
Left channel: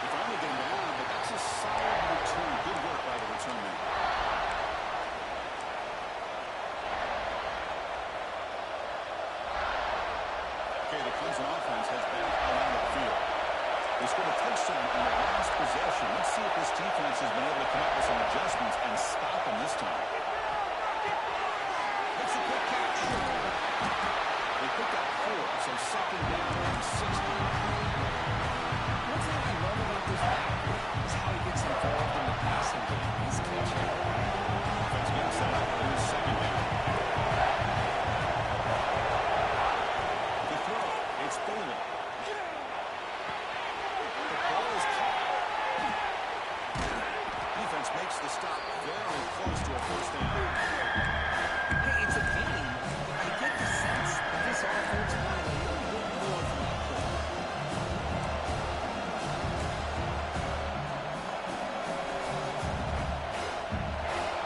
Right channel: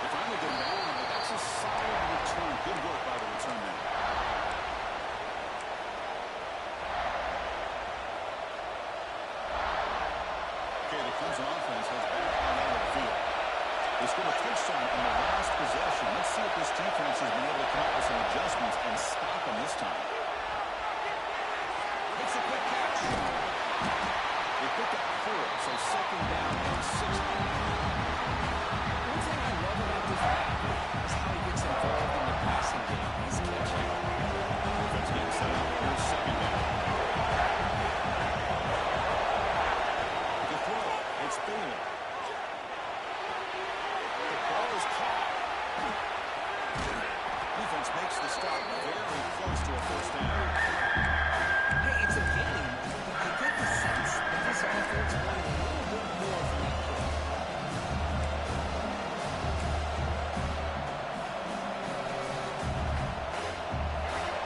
They finally get him down, but that's a solid return. Good work by the return man. Okay, the Clemson offense heads back out onto the field. They scored a touchdown in the last possession. Let's see if this defense has been able to come up with some adjustments and stop them this time. Makes a quick catch. They picked up 4, so second down and 60. One thing I love about this back is how he gets involved in the passing game. He's catching. Offense getting set up. Here's second down. To throw, it's Bailey. The ball is caught. Defense makes the stop very close to a first down. Hey, it's a game, but I get the sense that this offense wanted a little bit more from that play.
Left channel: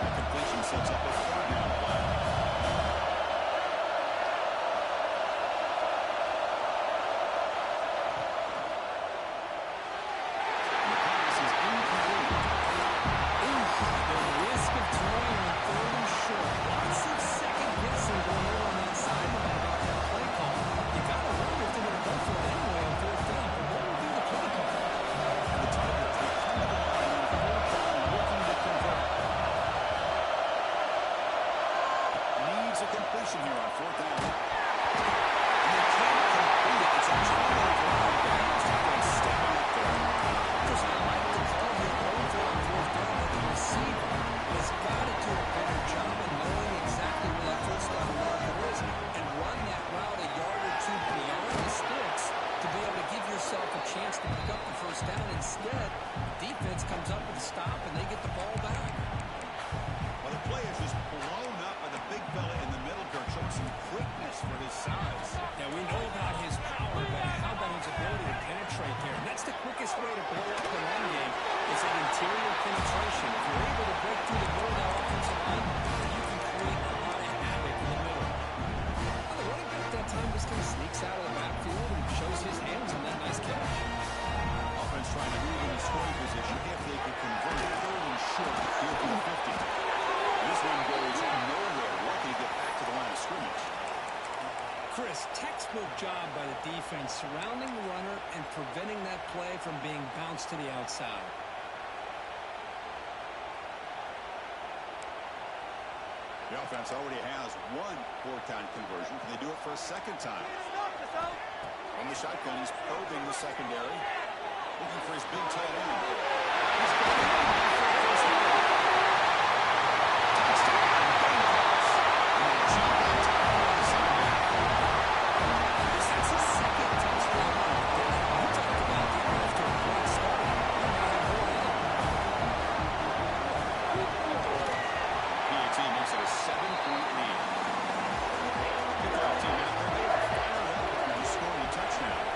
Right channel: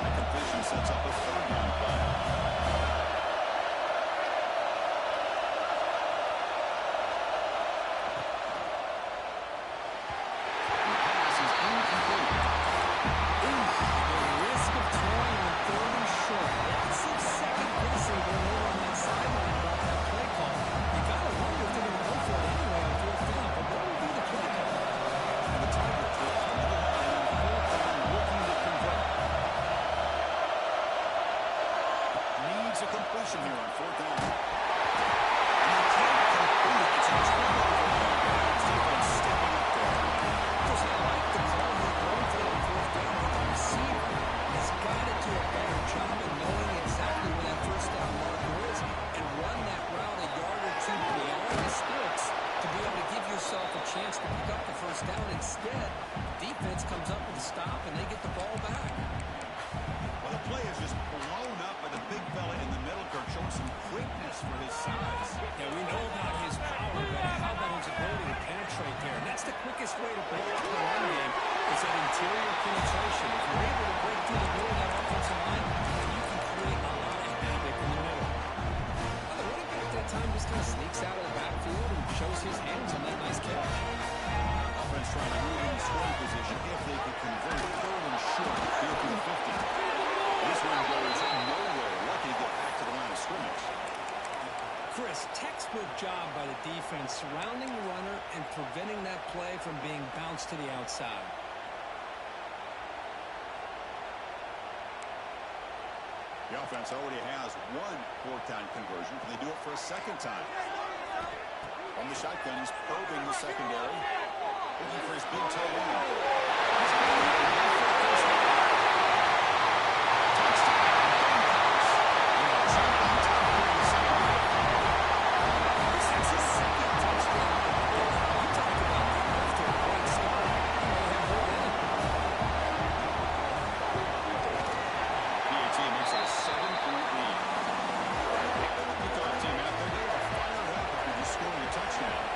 That completion sets up a third down play. And the pass is incomplete. The risk of throwing on third and short. Lots of second guessing going over on that sideline about that play call. You got to wonder if they're going to go for it anyway on fourth down, but what would be the play call? And the Tigers will come to the line on fourth down looking to convert. Needs a completion here on fourth down. showing some quickness for his size. Yeah, we know about his power, but how about his ability to penetrate there? And that's the quickest way to blow up the run game is that interior penetration. If you're able to break through the middle of that offensive line, then you can create a lot of havoc in the middle. Well, the running back that time just kind of sneaks out of the backfield and shows his hands on that nice catch. Offense trying to move into scoring position if they could convert third and short here from the 50. This one goes nowhere. Lucky to get back to the line of scrimmage. Chris, textbook job by the defense surrounding the runner and preventing that play from being bounced to the outside. The offense already has one fourth-down conversion. Can they do it for a second time? From the shotgun, he's probing the secondary. Looking for his big tight end. He's got it. First down. Touchdown. Gamecocks. And they jump on top of the secondary. That's his second touchdown of the day. You talk about getting off to a great start. He may have more in it. PAT makes it a 7-point lead. Kickoff team out there. They are fired up after just scoring a touchdown.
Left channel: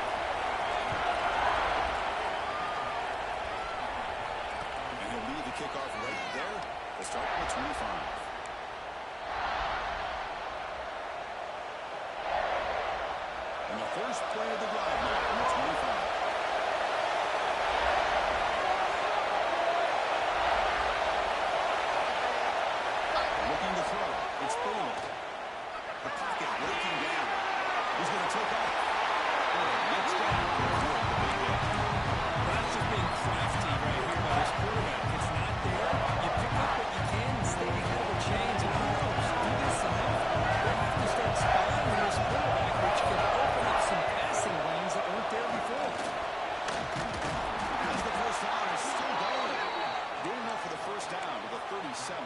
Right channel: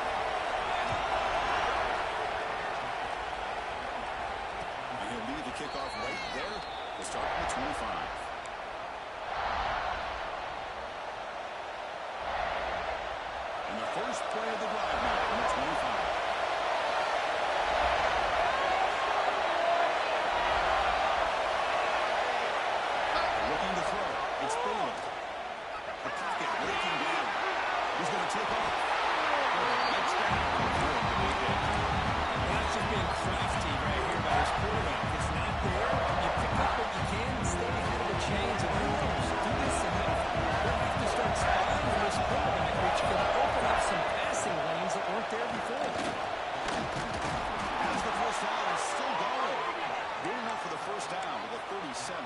And he'll lead the kickoff right there to start from the 25. And the first play of the drive now from the 25. Looking to throw. It's Bailey. The pocket breaking down. He's going to take off. Let's down. Avoid the big hit. Well, that's just being crafty right here by this quarterback. It's not there. You pick up what you can and stay ahead of the chains. And who knows? Do this enough, we'll have to start spying on this quarterback, which can open up some passing lanes that weren't there before. As the first down is still going. Good enough for the first down to the 37.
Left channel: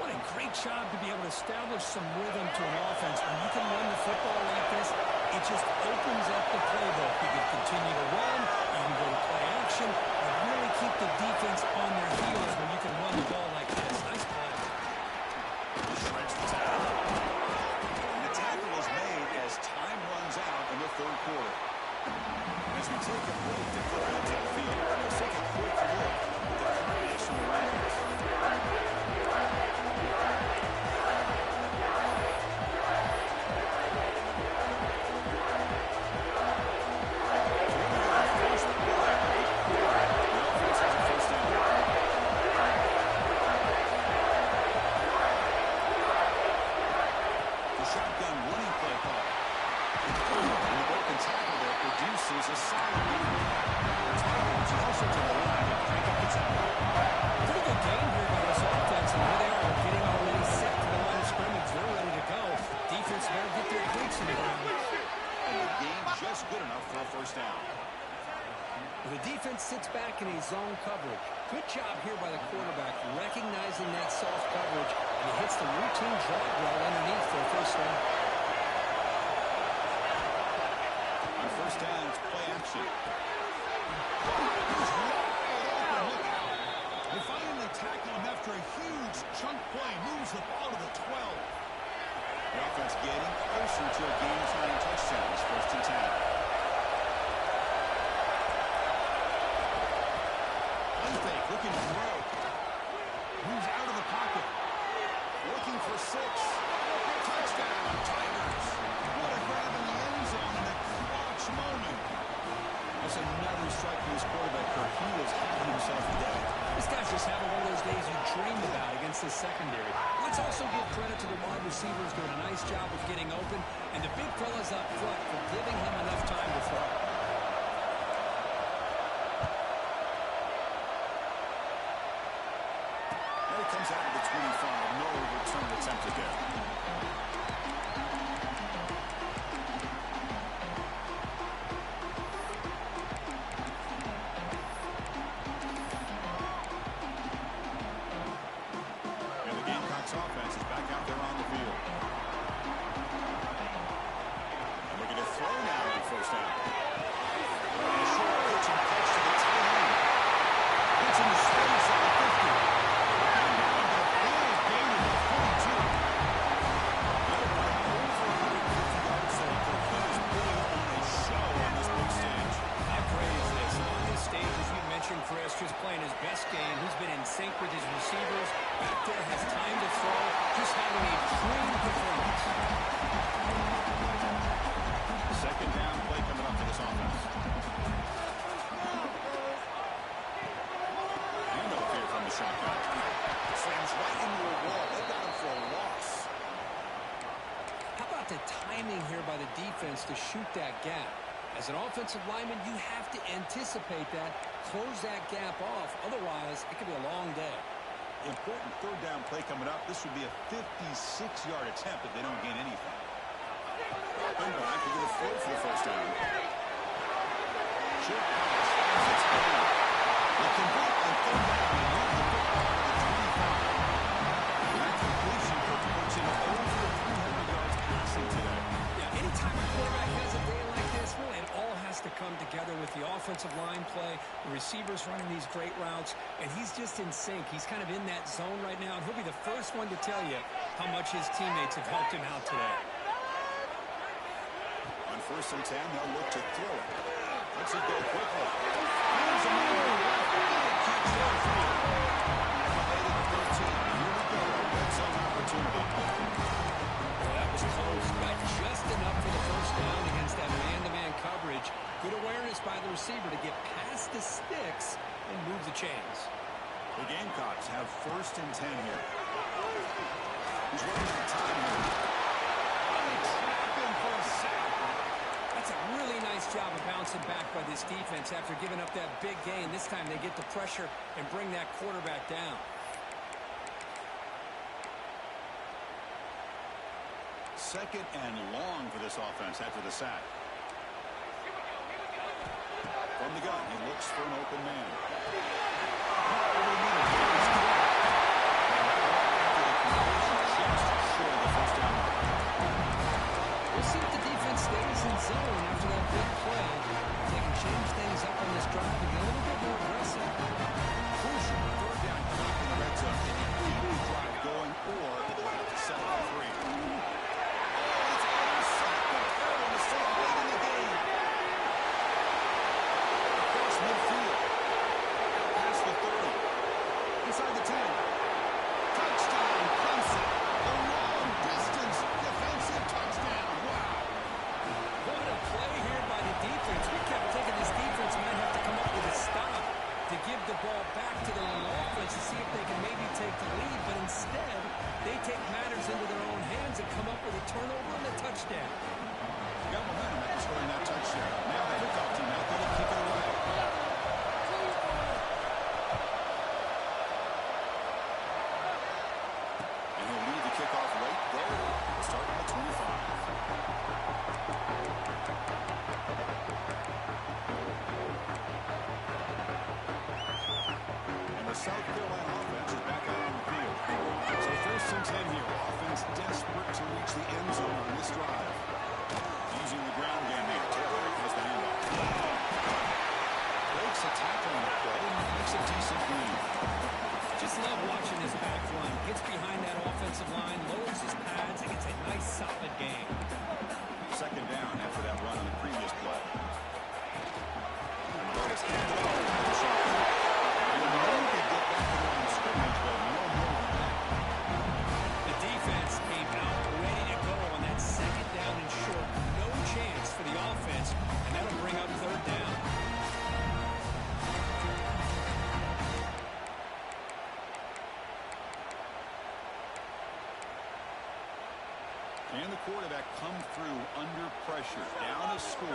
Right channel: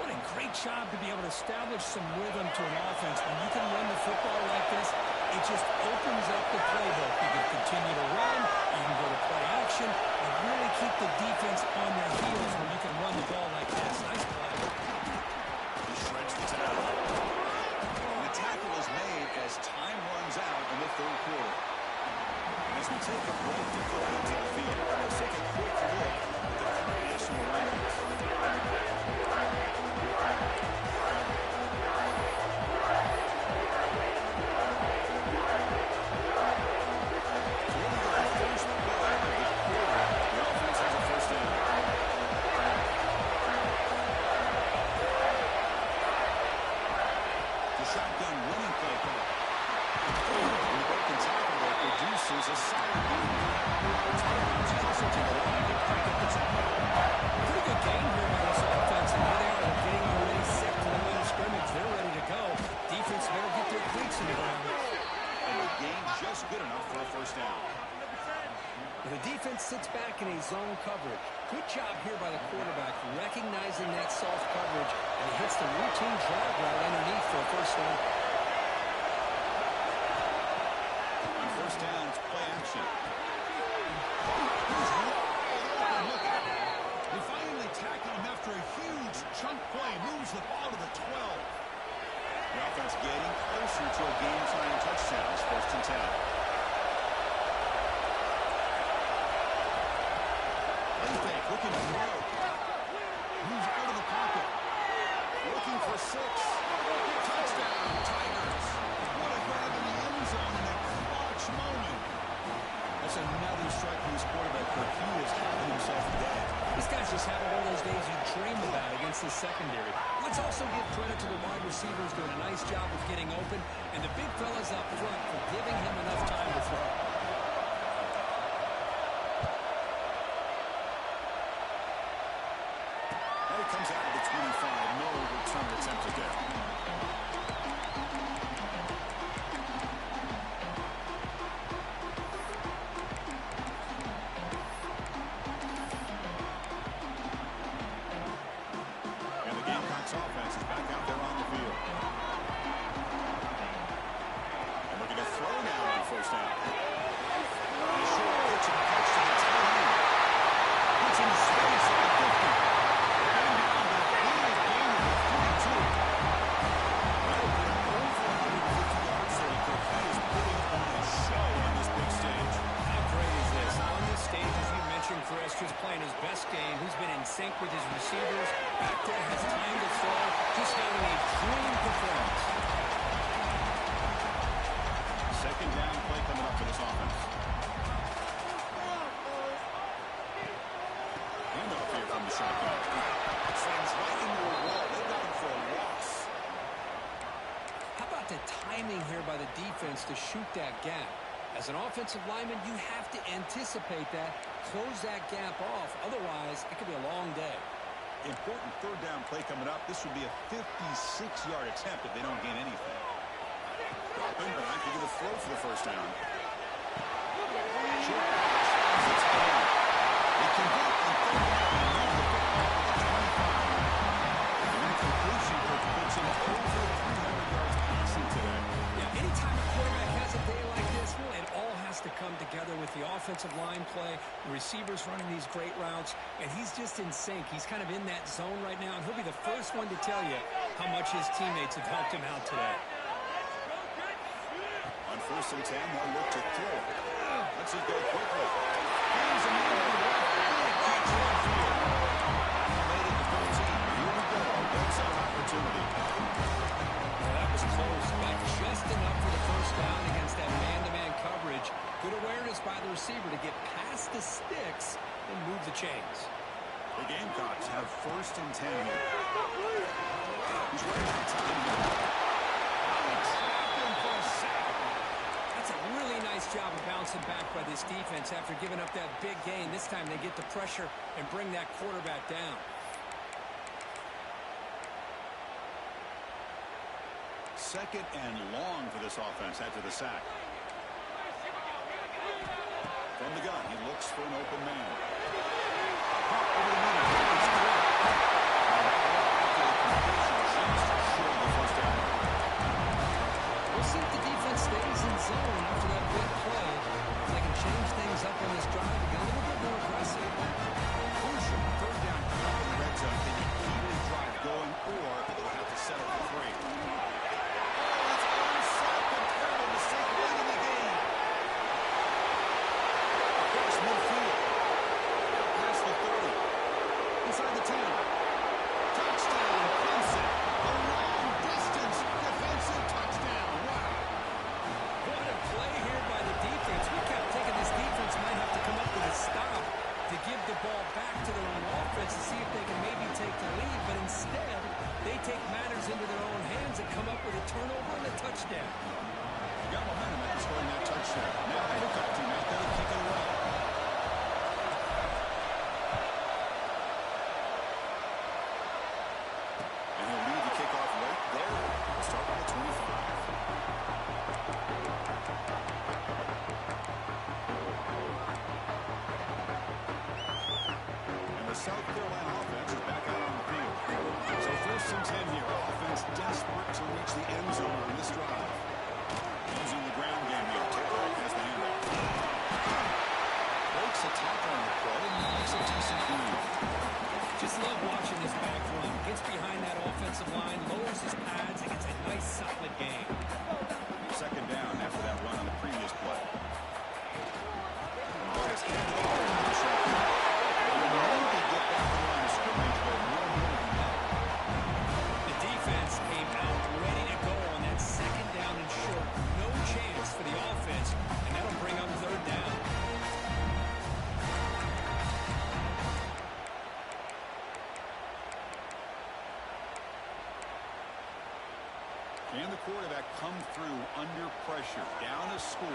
What a great job to be able to establish some rhythm to an offense. When you can run the football like this, it just opens up the playbook. You can continue to run, you can go to play action, and really keep the defense on their heels when you can run the ball like this. Nice play. He shreds the tackle. And the tackle is made as time runs out in the third quarter. And as we take a break to flip into the field, let's take a quick look at the current national rankings. Shotgun running play call. And the broken tackle that produces a solid gain. The Tigers also to the line to crank up the tempo. Pretty good game here by this offense. And here they are. They're getting already set to the line of scrimmage. They're ready to go. Defense better get their cleats in the ground. And the gain just good enough for a first down. The defense sits back in a zone coverage. Good job here by the quarterback, recognizing that soft coverage, and he hits the routine drag route underneath for a first down. On first down, it's play action. He's wide open. Look at it. They finally tackle him after a huge chunk play. Moves the ball to the 12. The offense getting closer to a game-tying touchdown. It's first and 10. Fake, looking to throw. Moves out of the pocket. Looking for 6. Touchdown, Tigers. What a grab in the end zone in a clutch moment. That's another strike for this quarterback, Kirk. He is having himself a day. This guy's just having one of those days you dream about against the secondary. Let's also give credit to the wide receivers doing a nice job of getting open, and the big fellas up front for giving him enough time to throw. It comes out of the 25. No return attempted there. And the Gamecocks offense is back out there on the field. And looking to throw now on first down. And a short pitch and catch to the tight end. Puts in the space at the 50. Down to the big gain of the 42. best game. Who's been in sync with his receivers. Back there has time to throw. Just having a dream performance. Second down play coming up for this offense. Handoff here from the shotgun. Slams right into a wall. They got him for a loss. How about the timing here by the defense to shoot that gap? As an offensive lineman, you have to anticipate that, close that gap off. Otherwise, it could be a long day. Important third down play coming up. This would be a 56-yard attempt if they don't gain anything. Dropping back to get a throw for the first down. Short pass finds its head. They convert on third down and move the football to the 25. And that completion puts him over 300 yards passing today. Yeah, anytime a quarterback has a day like this, really, it all has to come together with the offensive line play, the receivers running these great routes, and he's just in sync. He's kind of in that zone right now, and he'll be the first one to tell you how much his teammates have helped him out today. On 1st and 10, they'll look to throw it. Let's it go quickly. Here's a man to the left. Big catch downfield. That made it to 13, but here we go. A red zone opportunity. Well, that was close. Got just enough for the first down against that man-to-man coverage. Good awareness by the receiver to get past the sticks and move the chains. The Gamecocks have 1st and 10 here. He's running out of time here. They trap him for a sack. That's a really nice job of bouncing back by this defense after giving up that big gain. This time they get the pressure and bring that quarterback down. Second and long for this offense after the sack. From the gun, he looks for an open man. Caught over the middle. He's caught. After the completion, just short of the first down mark. We'll see if the defense stays in zone after that big play. If they can change things up on this drive and get a little bit more aggressive. Crucial third down coming up in the red zone. Can you keep the drive going, or they'll have to settle for 3? Oh, it's intercepted. A terrible mistake late in the game. Across midfield. Out past the 30. Inside the 10. Touchdown, Clemson. A long-distance defensive touchdown. Wow. What a play here by the defense. We kept thinking this defense might have to come up with a stop to give the ball back to their own offense to see if they can maybe take the lead. But instead, they take matters into their own hands and come up with a turnover and a touchdown. Got momentum after scoring that touchdown. Now the kickoff team out there to kick it away. And he'll leave the kickoff right there. We'll start on the 25. And the South Carolina offense is back out on the field. So 1st and 10 here. Offense desperate to reach the end zone on this drive. Using the ground game here. Taylor has the handoff. Breaks a tackle on the play and makes a decent move. Just love watching this back run. Gets behind that offensive line, lowers his pads, and gets a nice solid game. Second down after that run on the previous play. But it's handed off to the shotgun. You know they get back to the line of scrimmage, but no more than that. The defense came out ready to go on that second down and short. No chance for the offense, and that'll bring up third down. Can the quarterback come through under pressure? Down a score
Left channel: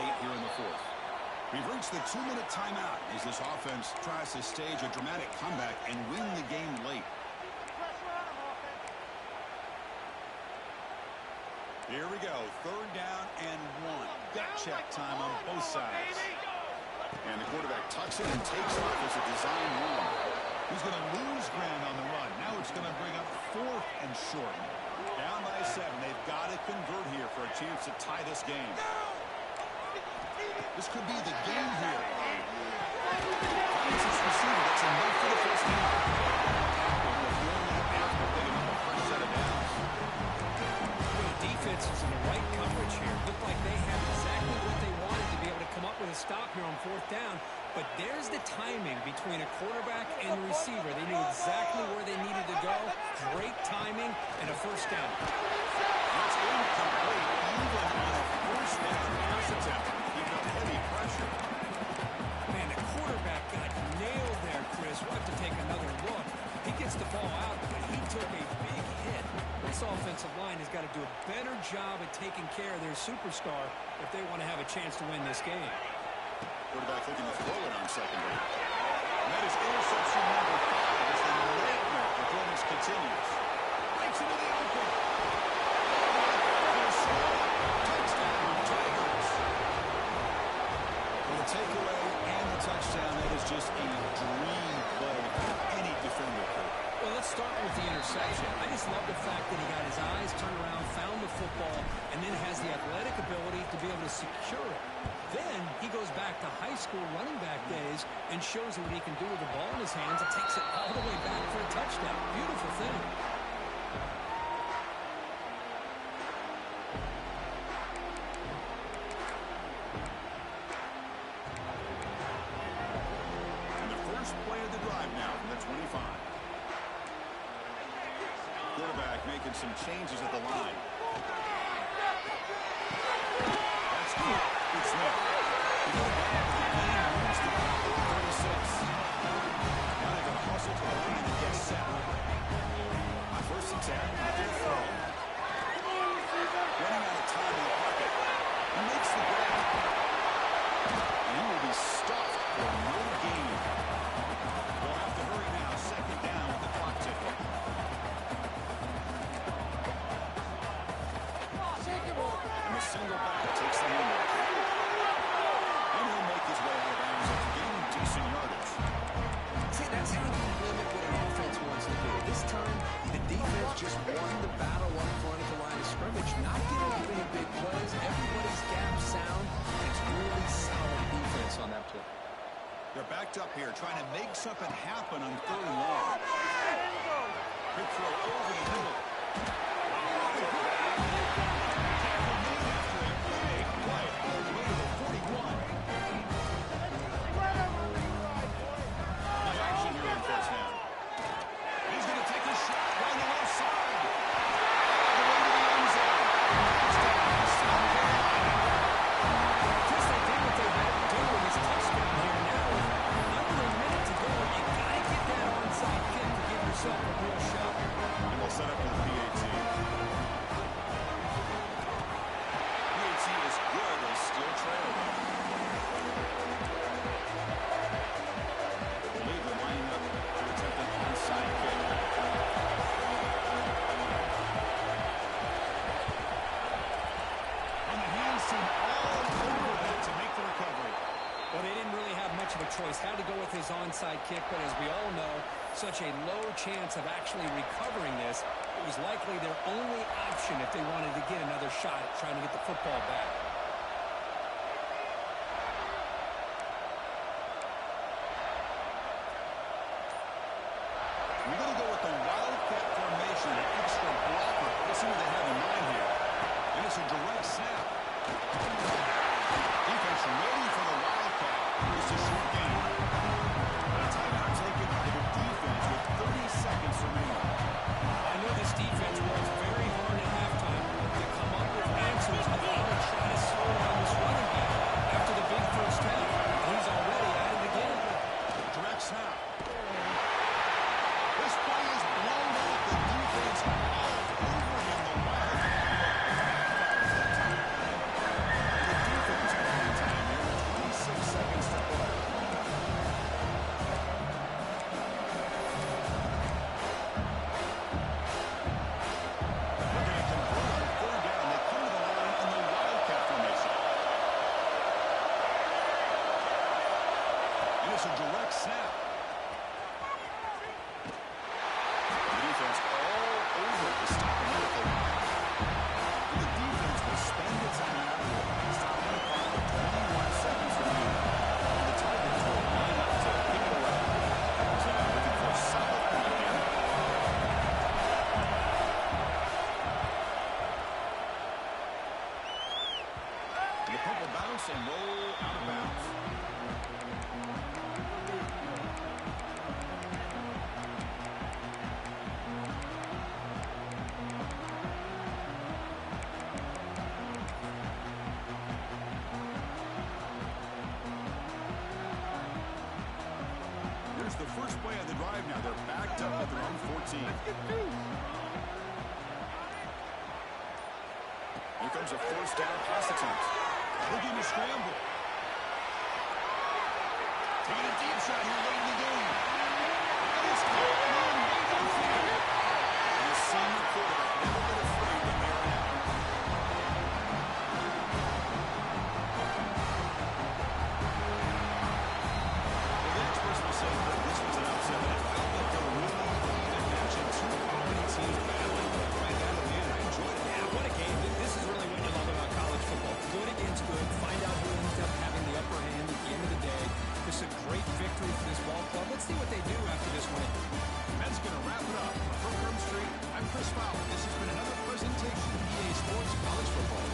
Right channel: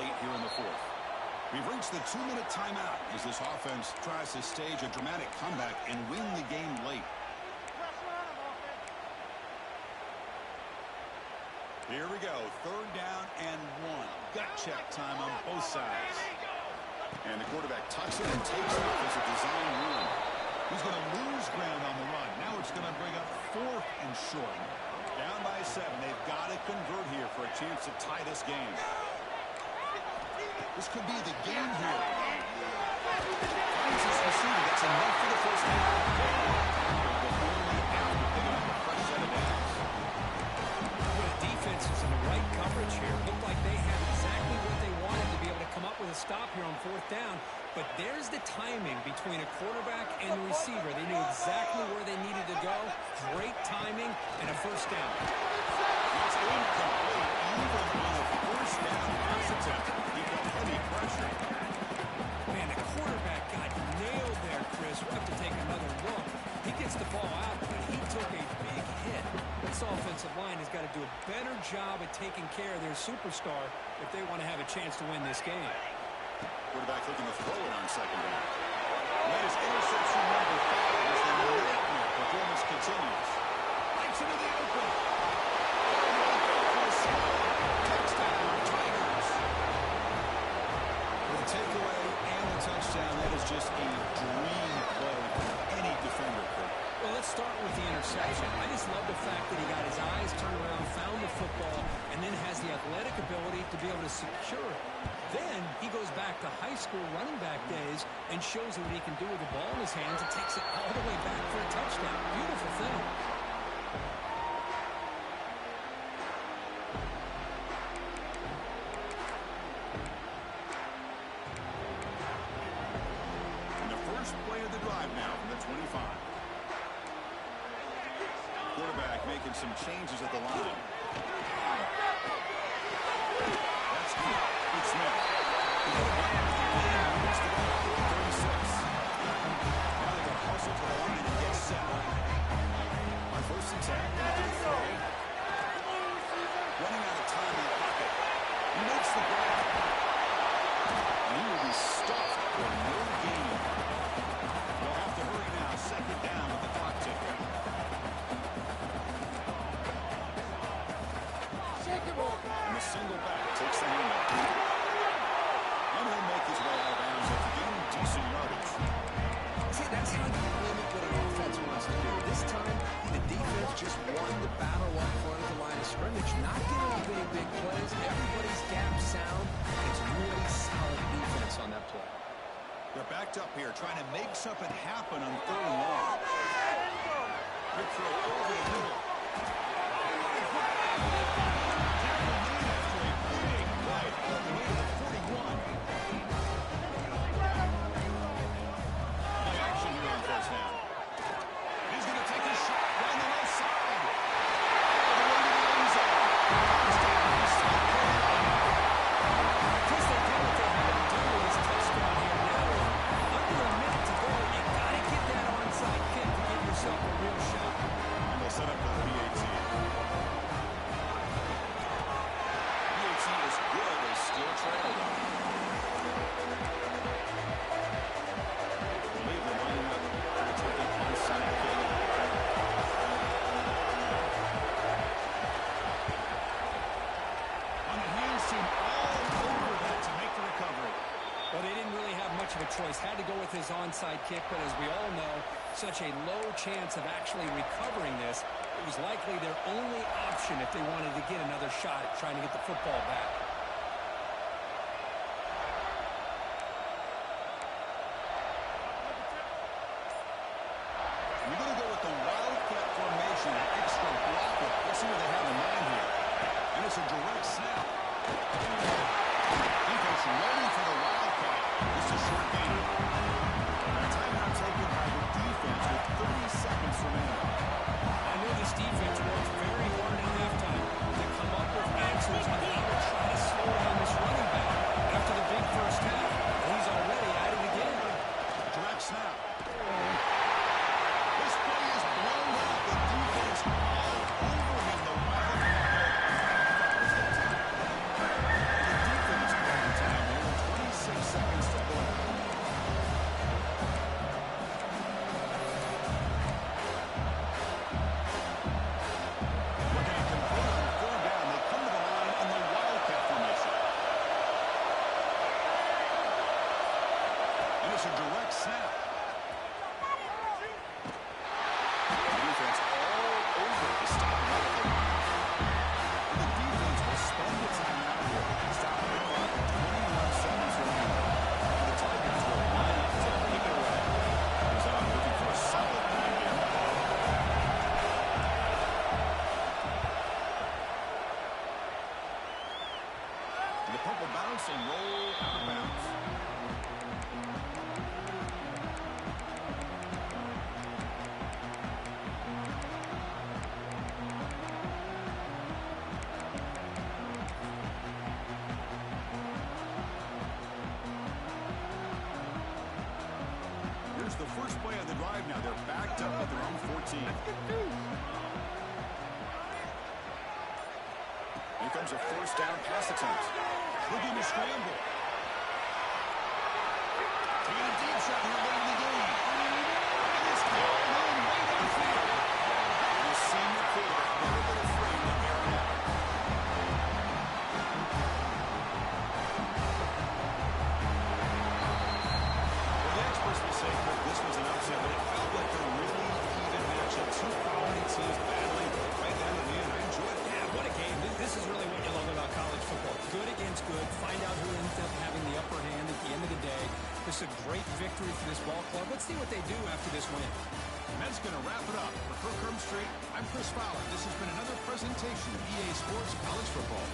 late here in the 4th. We've reached the 2-minute timeout as this offense tries to stage a dramatic comeback and win the game late. Here we go. Third down and 1. Gut check time on both sides. And the quarterback tucks it and takes off as a design run. He's going to lose ground on the run. Now it's going to bring up 4th and short. Down by 7. They've got to convert here for a chance to tie this game. This could be the game here. Finds his receiver. That's enough for the first down. Tackle, but only after picking up a fresh set of downs. Well, the defense is in the right coverage here. Looked like they had exactly what they wanted to be able to come up with a stop here on 4th down. But there's the timing between a quarterback and the receiver. They knew exactly where they needed to go. Great timing and a first down. It's incomplete even on a first down pass attempt. He felt heavy pressure. Man, the quarterback got nailed there, Chris. We'll have to take another look. He gets the ball out, but he took a big hit. This offensive line has got to do a better job at taking care of their superstar if they want to have a chance to win this game. Quarterback looking to throw it on second down. And that is interception number 5 as the nightmare performance continues. Breaks into the open. All the way back for a score. Touchdown, Tigers. With a takeaway and the touchdown, that is just a dream play for any defender, Kurt. Well, let's start with the interception. I just love the fact that he got his eyes turned around, found the football, and then has the athletic ability to be able to secure it. Then he goes back to high school running back days and shows you what he can do with the ball in his hands and takes it all the way back for a touchdown. Beautiful thing. And the first play of the drive now from the 25. Quarterback making some changes at the line. That's good. Good Smith. He got down to the game and moves the ball to the 36. Now they've got to hustle to the line and get set. On first and 10, looking to throw. Running out of time in the pocket. He makes the grab. And he will be stuffed for no gain. They'll have to hurry now. Second down with the clock ticking. And the single back takes the handoff. And he'll make his way out of bounds after gaining decent yardage. See, that's how you limit what an offense wants to do. This time, the defense just won the battle up front at the line of scrimmage, not giving up any big plays. Everybody's gap sound, and it's really solid defense on that play. They're backed up here, trying to make something happen on third and long. Big throw over the middle. Tackle made after a big play all the way to the 41. Play action here on first down. He's going to take a shot down the left side. All the way to the end zone. Touchdown, South Carolina. Chris, they did what they had to do with his touchdown here. Now, with under a minute to go, you got to get that onside kick to give yourself a real shot. And we'll set up for the PAT. PAT is good. They still trail, though. I believe they're lining up to attempt an onside kick. On the hands team all over that to make the recovery. Well, they didn't really have much of a choice. Had to go with his onside kick, but as we all know, such a low chance of actually recovering this. It was likely their only option if they wanted to get another shot at trying to get the football back. We're going to go with the Wildcat formation, an extra blocker. Let's see what they have in mind here. And it's a direct snap. Defense ready for the Wildcat. It's a short game. A timeout taken by the defense with 30 seconds remaining. I know this defense works very hard at halftime to come up with answers on how to try to slow down this running back after the big first half. And he's already at it again. Direct snap. This play is blown up. The defense all over him. The Wildcat fires that time. The defense calling time here with 26 seconds to play. Looking to convert on third down. They come to the line in the Wildcat formation. And it's a direct snap. first play of the drive now. They're backed up at their own 14. Here comes a first down pass attempt. Looking to scramble. Taking a deep shot here late in the game. And it's caught in way downfield. And the senior quarterback never been afraid to air it out. Well, the experts will say, Kirk, this was an upset, but it felt like a really even matchup. Two quality teams battling right down to the end. I enjoyed it. Yeah, what a game. This is really what you love about college football. Good against good. Find out who ends up having the upper hand at the end of the day. This is a great victory for this ball club. Let's see what they do after this win. And that's going to wrap it up. For Kirk Herbstreit, I'm Chris Fowler. This has been another presentation of EA Sports College Football.